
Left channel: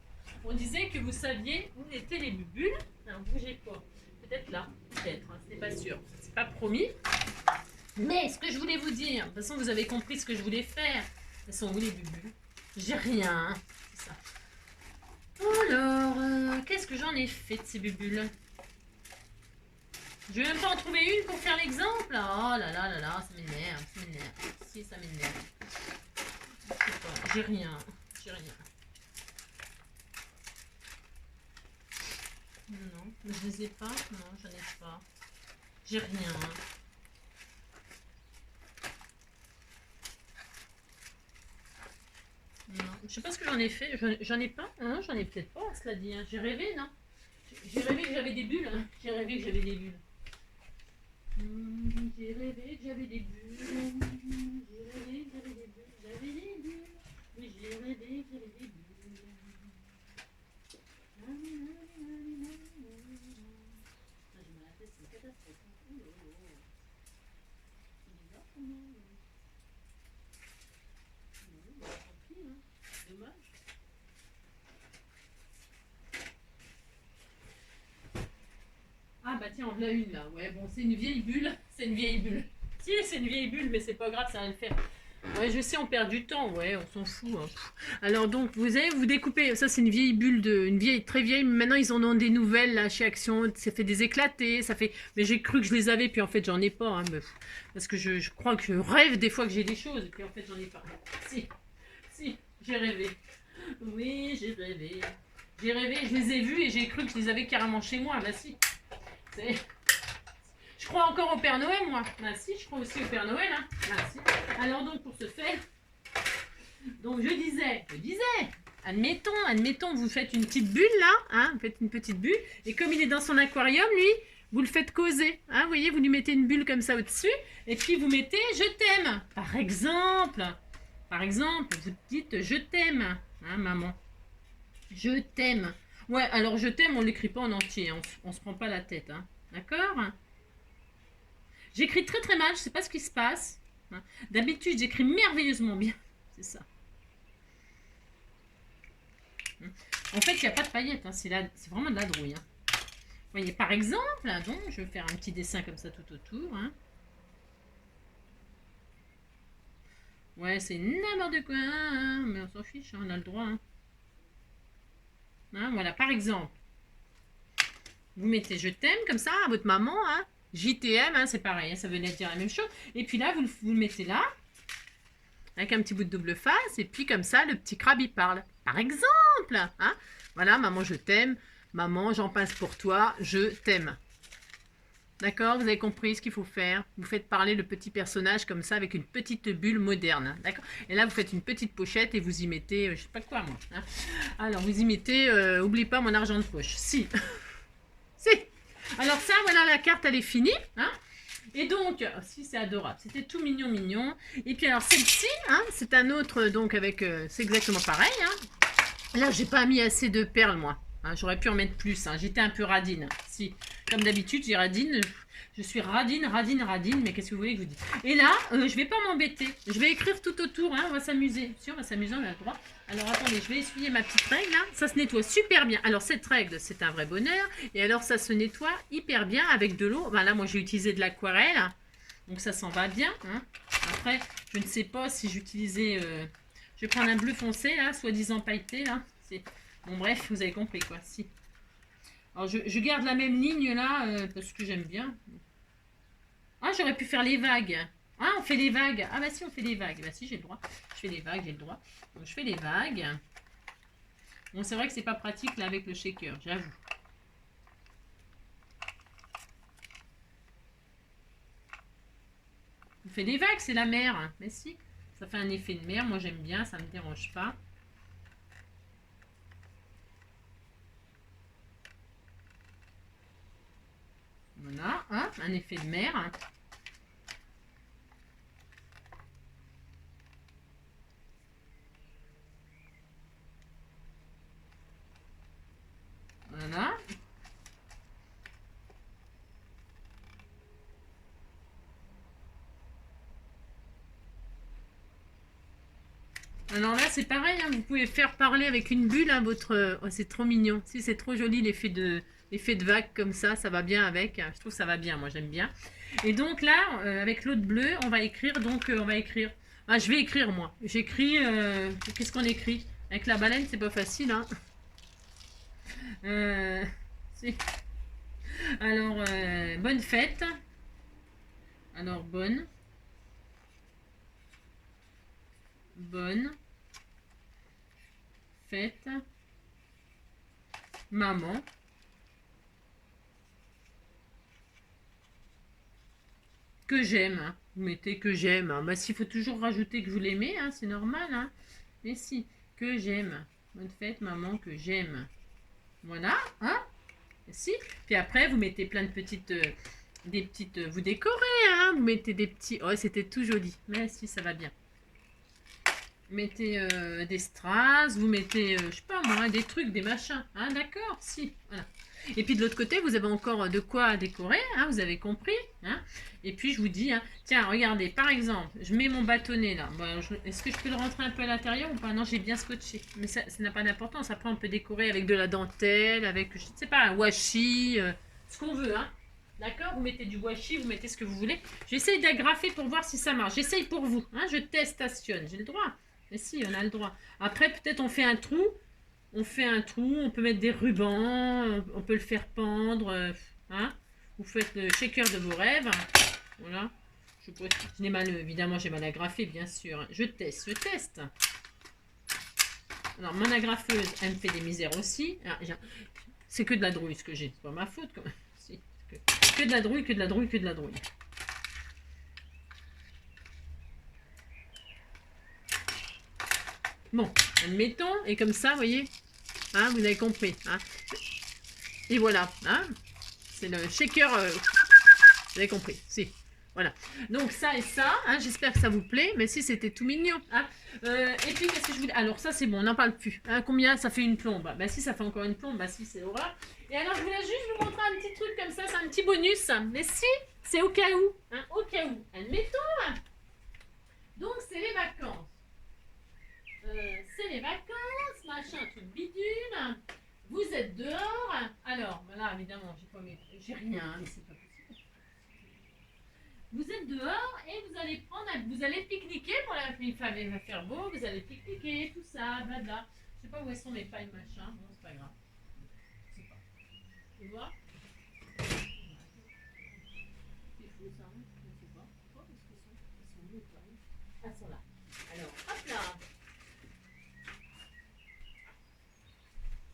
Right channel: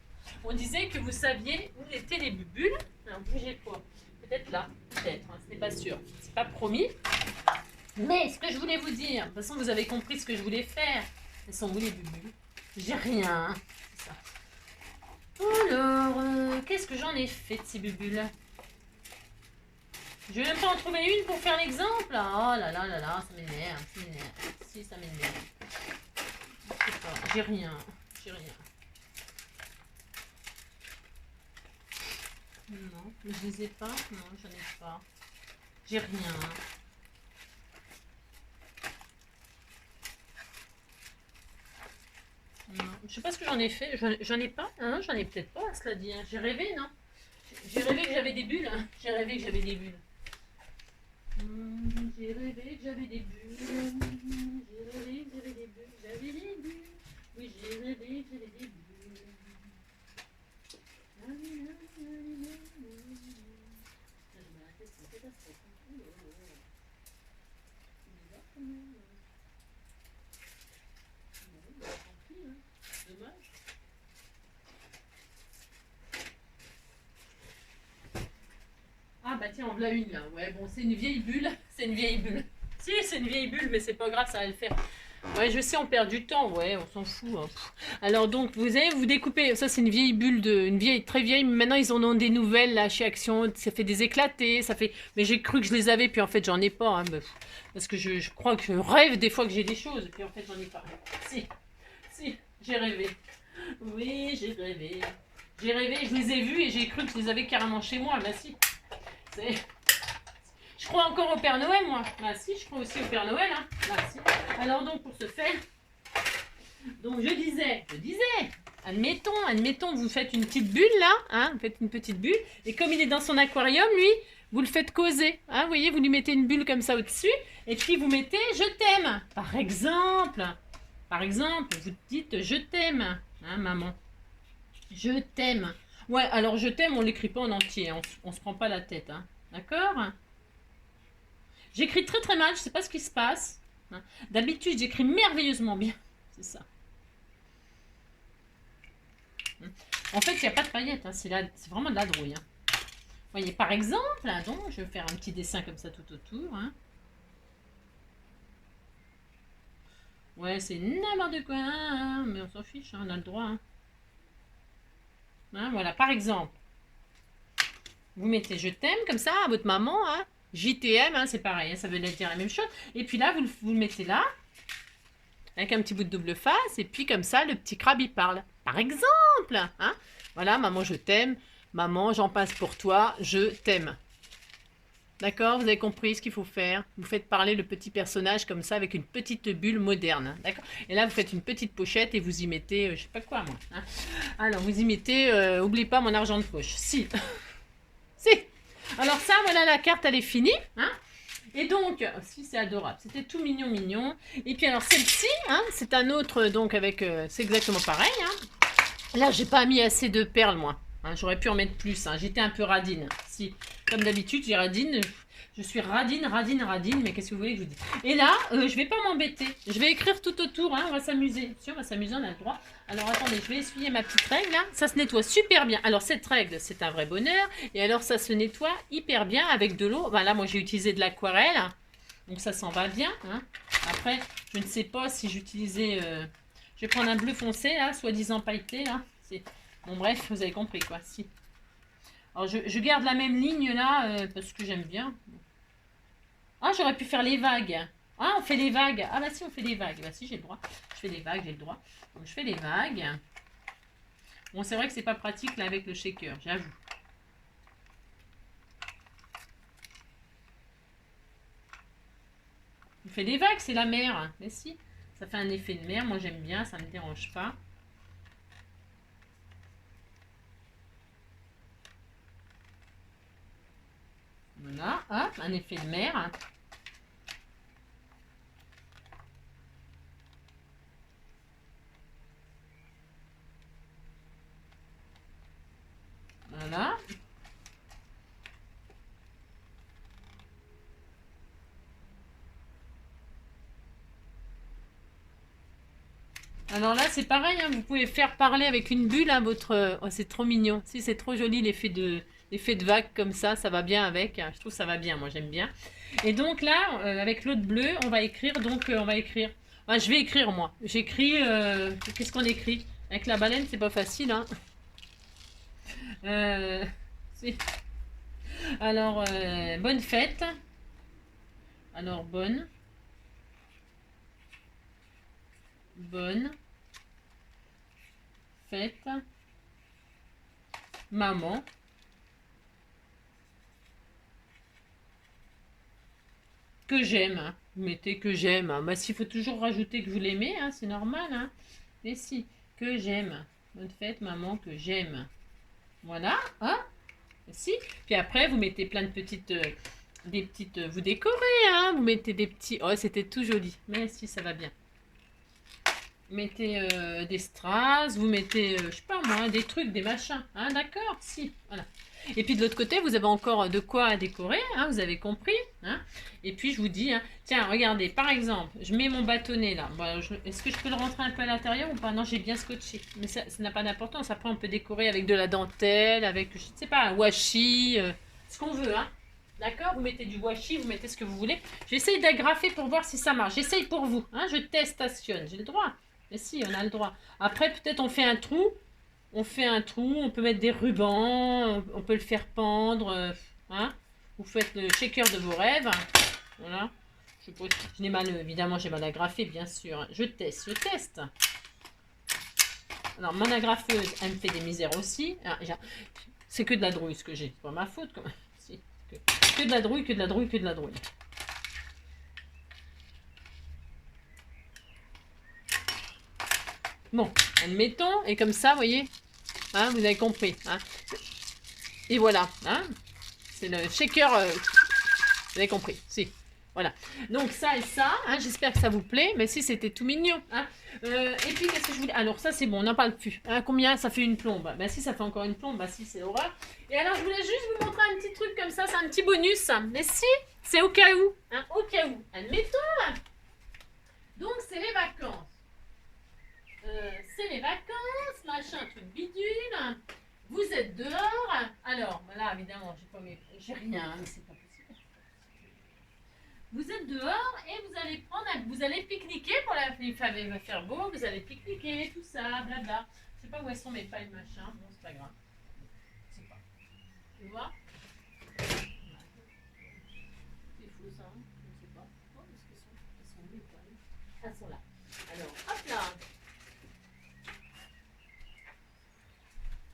On disait que vous saviez où étaient les bulles. Alors, bougez pas. Peut-être là. Peut-être. Hein, ce n'est pas sûr. C'est pas promis. Mais ce que je voulais vous dire, de toute façon, vous avez compris ce que je voulais faire. Elles sont où les bulles? J'ai rien. C'est ça. Alors, qu'est-ce que j'en ai fait de ces bulles? Je vais même pas en trouver une pour faire l'exemple. Oh là là là là, ça m'énerve. Si, ça m'énerve. Je sais pas, j'ai rien. Non, je les ai pas. Non, j'en ai pas. J'ai rien. Non, je sais pas ce que j'en ai fait. J'en ai pas. Non, j'en ai peut-être pas, cela dit. Hein. J'ai rêvé, non? J'ai rêvé que j'avais des bulles. Hein. J'ai rêvé que j'avais des bulles. J'ai rêvé que j'avais des bulles. Oui, j'ai rêvé que j'avais des bulles. bah tiens, en voilà une là. Ouais, bon, c'est une vieille bulle. C'est une vieille bulle. Si, c'est une vieille bulle, mais c'est pas grave, ça va le faire. Ouais, je sais, on perd du temps, ouais, on s'en fout. Hein. Alors donc, vous avez, vous découpez, ça c'est une vieille bulle, une vieille, très vieille, mais maintenant ils en ont des nouvelles là chez Action, ça fait des éclatés, ça fait... Mais j'ai cru que je les avais, puis en fait j'en ai pas, hein, parce que je crois que je rêve des fois que j'ai des choses, puis en fait j'en ai pas. Si, j'ai rêvé. Oui, j'ai rêvé. J'ai rêvé, je les ai vus et j'ai cru que je les avais carrément chez moi, bah si. Je crois encore au Père Noël, moi. Bah si, je crois aussi au Père Noël. Hein. Bah si. Alors donc, pour ce faire, donc je disais, admettons, vous faites une petite bulle là, hein, vous faites une petite bulle, et comme il est dans son aquarium, lui, vous le faites causer. Hein, vous voyez, vous lui mettez une bulle comme ça au-dessus, et puis vous mettez je t'aime. Par exemple, vous dites je t'aime, hein, maman. Je t'aime. Ouais, alors je t'aime, on l'écrit pas en entier, hein, on se prend pas la tête, hein. D'accord? J'écris très très mal, je sais pas ce qui se passe. Hein. D'habitude, j'écris merveilleusement bien. C'est ça. En fait, il n'y a pas de paillettes, hein. C'est vraiment de la drouille. Hein. Vous voyez, par exemple, là, donc, je vais faire un petit dessin comme ça tout autour. Hein. Ouais, c'est n'importe quoi, hein, mais on s'en fiche, hein, on a le droit. Hein. Hein, voilà, par exemple, vous mettez je t'aime comme ça à votre maman, hein. JTM, hein, c'est pareil, hein, ça veut dire la même chose. Et puis là, vous le mettez là, avec un petit bout de double face, et puis comme ça, le petit crabe, il parle. Par exemple, hein. Voilà, maman, je t'aime. Maman, j'en passe pour toi, je t'aime. D'accord? Vous avez compris ce qu'il faut faire? Vous faites parler le petit personnage comme ça, avec une petite bulle moderne. D'accord? Et là, vous faites une petite pochette et vous y mettez, je sais pas quoi, moi. Hein. Alors, vous y mettez, oublie pas mon argent de poche. Si. Si. Alors ça, voilà, la carte, elle est finie. Hein. Et donc, si c'est adorable, c'était tout mignon, mignon. Et puis alors celle-ci, hein, c'est un autre, donc avec, c'est exactement pareil. Hein. Là, j'ai pas mis assez de perles, moi. Hein, j'aurais pu en mettre plus. Hein. J'étais un peu radine. Si, comme d'habitude, j'ai radine. Je suis radine, mais qu'est-ce que vous voulez que je vous dise? Et là, je vais pas m'embêter. Je vais écrire tout autour, hein, on va s'amuser. Si, on va s'amuser, on a le droit. Alors, attendez, je vais essuyer ma petite règle, là. Ça se nettoie super bien. Alors, cette règle, c'est un vrai bonheur. Et alors, ça se nettoie hyper bien avec de l'eau. Ben, là, moi, j'ai utilisé de l'aquarelle. Donc, ça s'en va bien. Hein. Après, je ne sais pas si j'utilisais... je vais prendre un bleu foncé, là, soi-disant pailleté, là. Bon, bref, vous avez compris, quoi. Si. Alors, je garde la même ligne, là, parce que j'aime bien. Ah, j'aurais pu faire les vagues. Ah, on fait les vagues. Ah, bah si, on fait les vagues. Bah si, j'ai le droit. Je fais les vagues, j'ai le droit. Donc, je fais les vagues. Bon, c'est vrai que c'est pas pratique, là, avec le shaker, j'avoue. On fait des vagues, c'est la mer. Mais si, ça fait un effet de mer. Moi, j'aime bien, ça me dérange pas. Voilà, hop, un effet de mer. Voilà. Alors là, c'est pareil, hein, vous pouvez faire parler avec une bulle, hein, votre... Oh, c'est trop mignon. Si, c'est trop joli, l'effet de vague comme ça va bien avec. Je trouve que ça va bien, moi, j'aime bien. Et donc là, avec l'autre bleu, on va écrire, on va écrire... Ah, je vais écrire, moi. J'écris... Qu'est-ce qu'on écrit? Avec la baleine, c'est pas facile, hein. Si. Alors, bonne fête. Alors, bonne fête, maman. Que j'aime. Hein. Vous mettez que j'aime. Hein. Bah, s'il faut toujours rajouter que vous l'aimez, hein, c'est normal. Hein. Mais si, que j'aime. Bonne fête, maman, que j'aime. Voilà. Hein. Si. Puis après, vous mettez plein de petites... vous décorez, hein. Vous mettez des petits... Oh, c'était tout joli. Mais si, ça va bien. Vous mettez des strass, vous mettez, je sais pas moi, des trucs, des machins. Hein, d'accord? Si, voilà. Et puis de l'autre côté, vous avez encore de quoi décorer, hein, vous avez compris. Hein. Et puis je vous dis, hein, tiens, regardez, par exemple, je mets mon bâtonnet là. Bon, est-ce que je peux le rentrer un peu à l'intérieur ou pas? Non, j'ai bien scotché. Mais ça n'a pas d'importance. Après, on peut décorer avec de la dentelle, avec, je sais pas, un washi, ce qu'on veut. Hein. D'accord? Vous mettez du washi, vous mettez ce que vous voulez. J'essaye d'agrafer pour voir si ça marche. J'essaye pour vous. Hein? Je testation. J'ai le droit. Mais si, on a le droit. Après, peut-être on fait un trou. On fait un trou. On peut mettre des rubans. On peut le faire pendre. Hein? Vous faites le shaker de vos rêves. Voilà. Je n'ai mal, évidemment, j'ai mal agrafé, bien sûr. Je teste. Alors, mon agrafeuse, elle me fait des misères aussi. C'est que de la drouille, ce que j'ai. C'est pas ma faute, quand même. Que de la drouille, que de la drouille, que de la drouille. Bon, admettons, et comme ça, vous voyez, hein, vous avez compris. Hein. Et voilà, hein, c'est le shaker, vous avez compris, si. Voilà, donc ça et ça, hein, j'espère que ça vous plaît, mais si c'était tout mignon. Hein. Et puis, qu'est-ce que je voulais... Alors ça, c'est bon, on n'en parle plus. Hein, combien ça fait une plombe? Bah si, ça fait encore une plombe, bah si, c'est l'horreur. Et alors, je voulais juste vous montrer un petit truc comme ça, c'est un petit bonus. Mais si, c'est au cas où. Hein, au cas où. Admettons. Donc, c'est les vacances. C'est les vacances, machin, truc bidule. Vous êtes dehors. Alors, voilà, évidemment, j'ai rien, mais c'est pas possible. Vous êtes dehors et vous allez pique-niquer pour il va faire beau, vous allez pique-niquer, tout ça, blabla. Je sais pas où elles sont mes pailles, machin. Bon, c'est pas grave. Je sais pas. Tu vois? C'est fou ça, hein? Je ne sais pas. Oh, où est-ce qu'elles sont? Elles sont où les pailles? Elles sont là. Alors, hop là.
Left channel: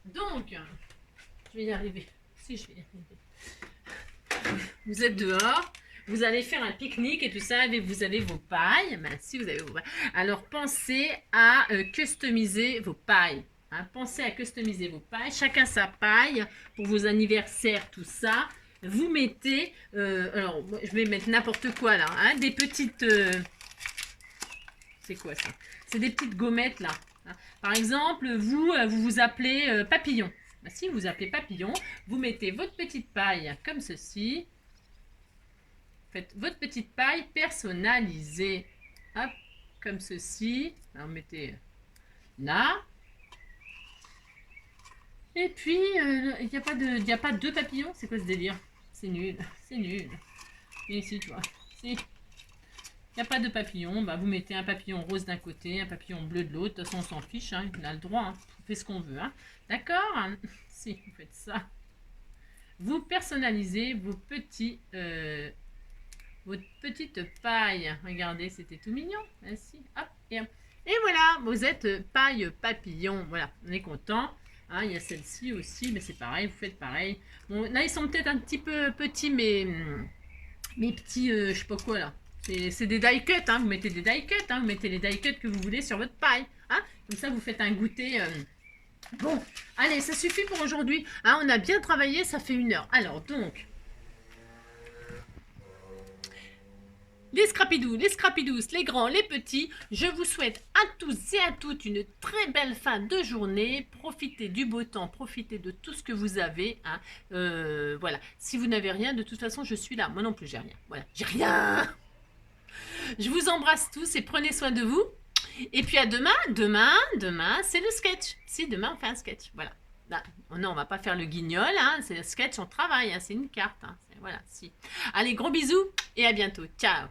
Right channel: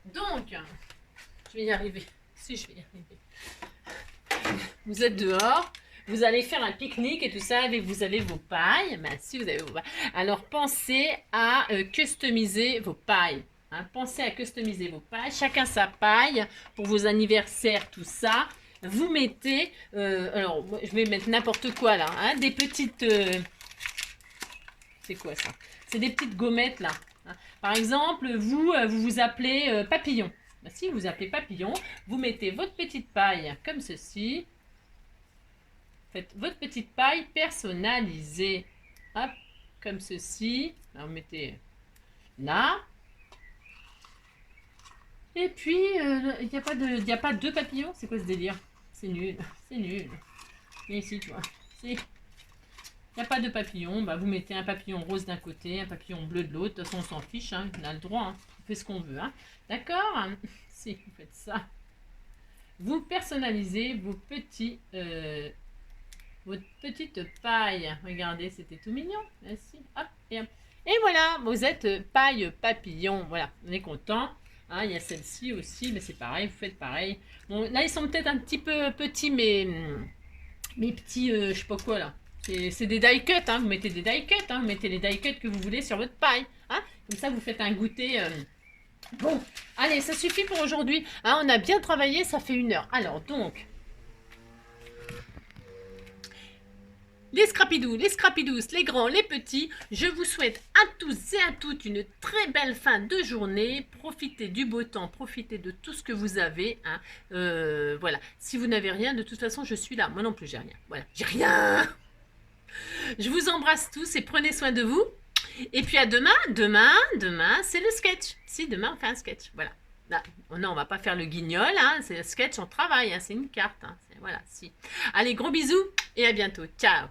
Donc, je vais y arriver. Si, je vais y arriver. Vous êtes dehors. Vous allez faire un pique-nique et tout ça, et vous avez vos pailles. Ben, si vous avez vos pailles. Alors, pensez à customiser vos pailles. Hein. Pensez à customiser vos pailles. Chacun sa paille pour vos anniversaires, tout ça. Vous mettez... alors, je vais mettre n'importe quoi là. Hein, des petites... c'est quoi ça? C'est des petites gommettes là. Hein. Par exemple, vous vous appelez Papillon. Ben, si vous vous appelez Papillon, vous mettez votre petite paille comme ceci. Faites votre petite paille personnalisée. Hop, comme ceci. Alors, mettez là. Et puis, il n'y a pas deux papillons. C'est quoi ce délire? C'est nul. C'est nul. Et ici, tu vois. Il n'y a pas de papillon. Bah, vous mettez un papillon rose d'un côté, un papillon bleu de l'autre. De toute façon, on s'en fiche. Hein. On a le droit. Hein. On fait ce qu'on veut. Hein. D'accord? Si, vous faites ça. Vous personnalisez vos petits... votre petite paille. Regardez, c'était tout mignon. Ainsi, hop, et hop. Et voilà, vous êtes paille papillon. Voilà, on est content. Hein, il y a celle-ci aussi, mais c'est pareil, vous faites pareil. Bon, là, ils sont peut-être un petit peu petits, mais mes petits, je sais pas quoi là. C'est des die cuts, hein. Vous mettez des die cuts, hein. Vous mettez les die cuts que vous voulez sur votre paille. Hein. Comme ça, vous faites un goûter. Bon, allez, ça suffit pour aujourd'hui. Hein, on a bien travaillé, ça fait 1 heure. Alors, donc... Les scrapidous, les scrapidous, les grands, les petits, je vous souhaite à tous et à toutes une très belle fin de journée. Profitez du beau temps, profitez de tout ce que vous avez. Hein. Voilà, si vous n'avez rien, de toute façon, je suis là. Moi non plus, j'ai rien. Voilà, j'ai rien. Je vous embrasse tous et prenez soin de vous. Et puis à demain. Demain, c'est le sketch. Si, demain, on fait un sketch. Voilà. Là, non, on va pas faire le guignol. Hein. C'est le sketch, on travaille. Hein. C'est une carte. Hein. Voilà, si. Allez, gros bisous et à bientôt. Ciao.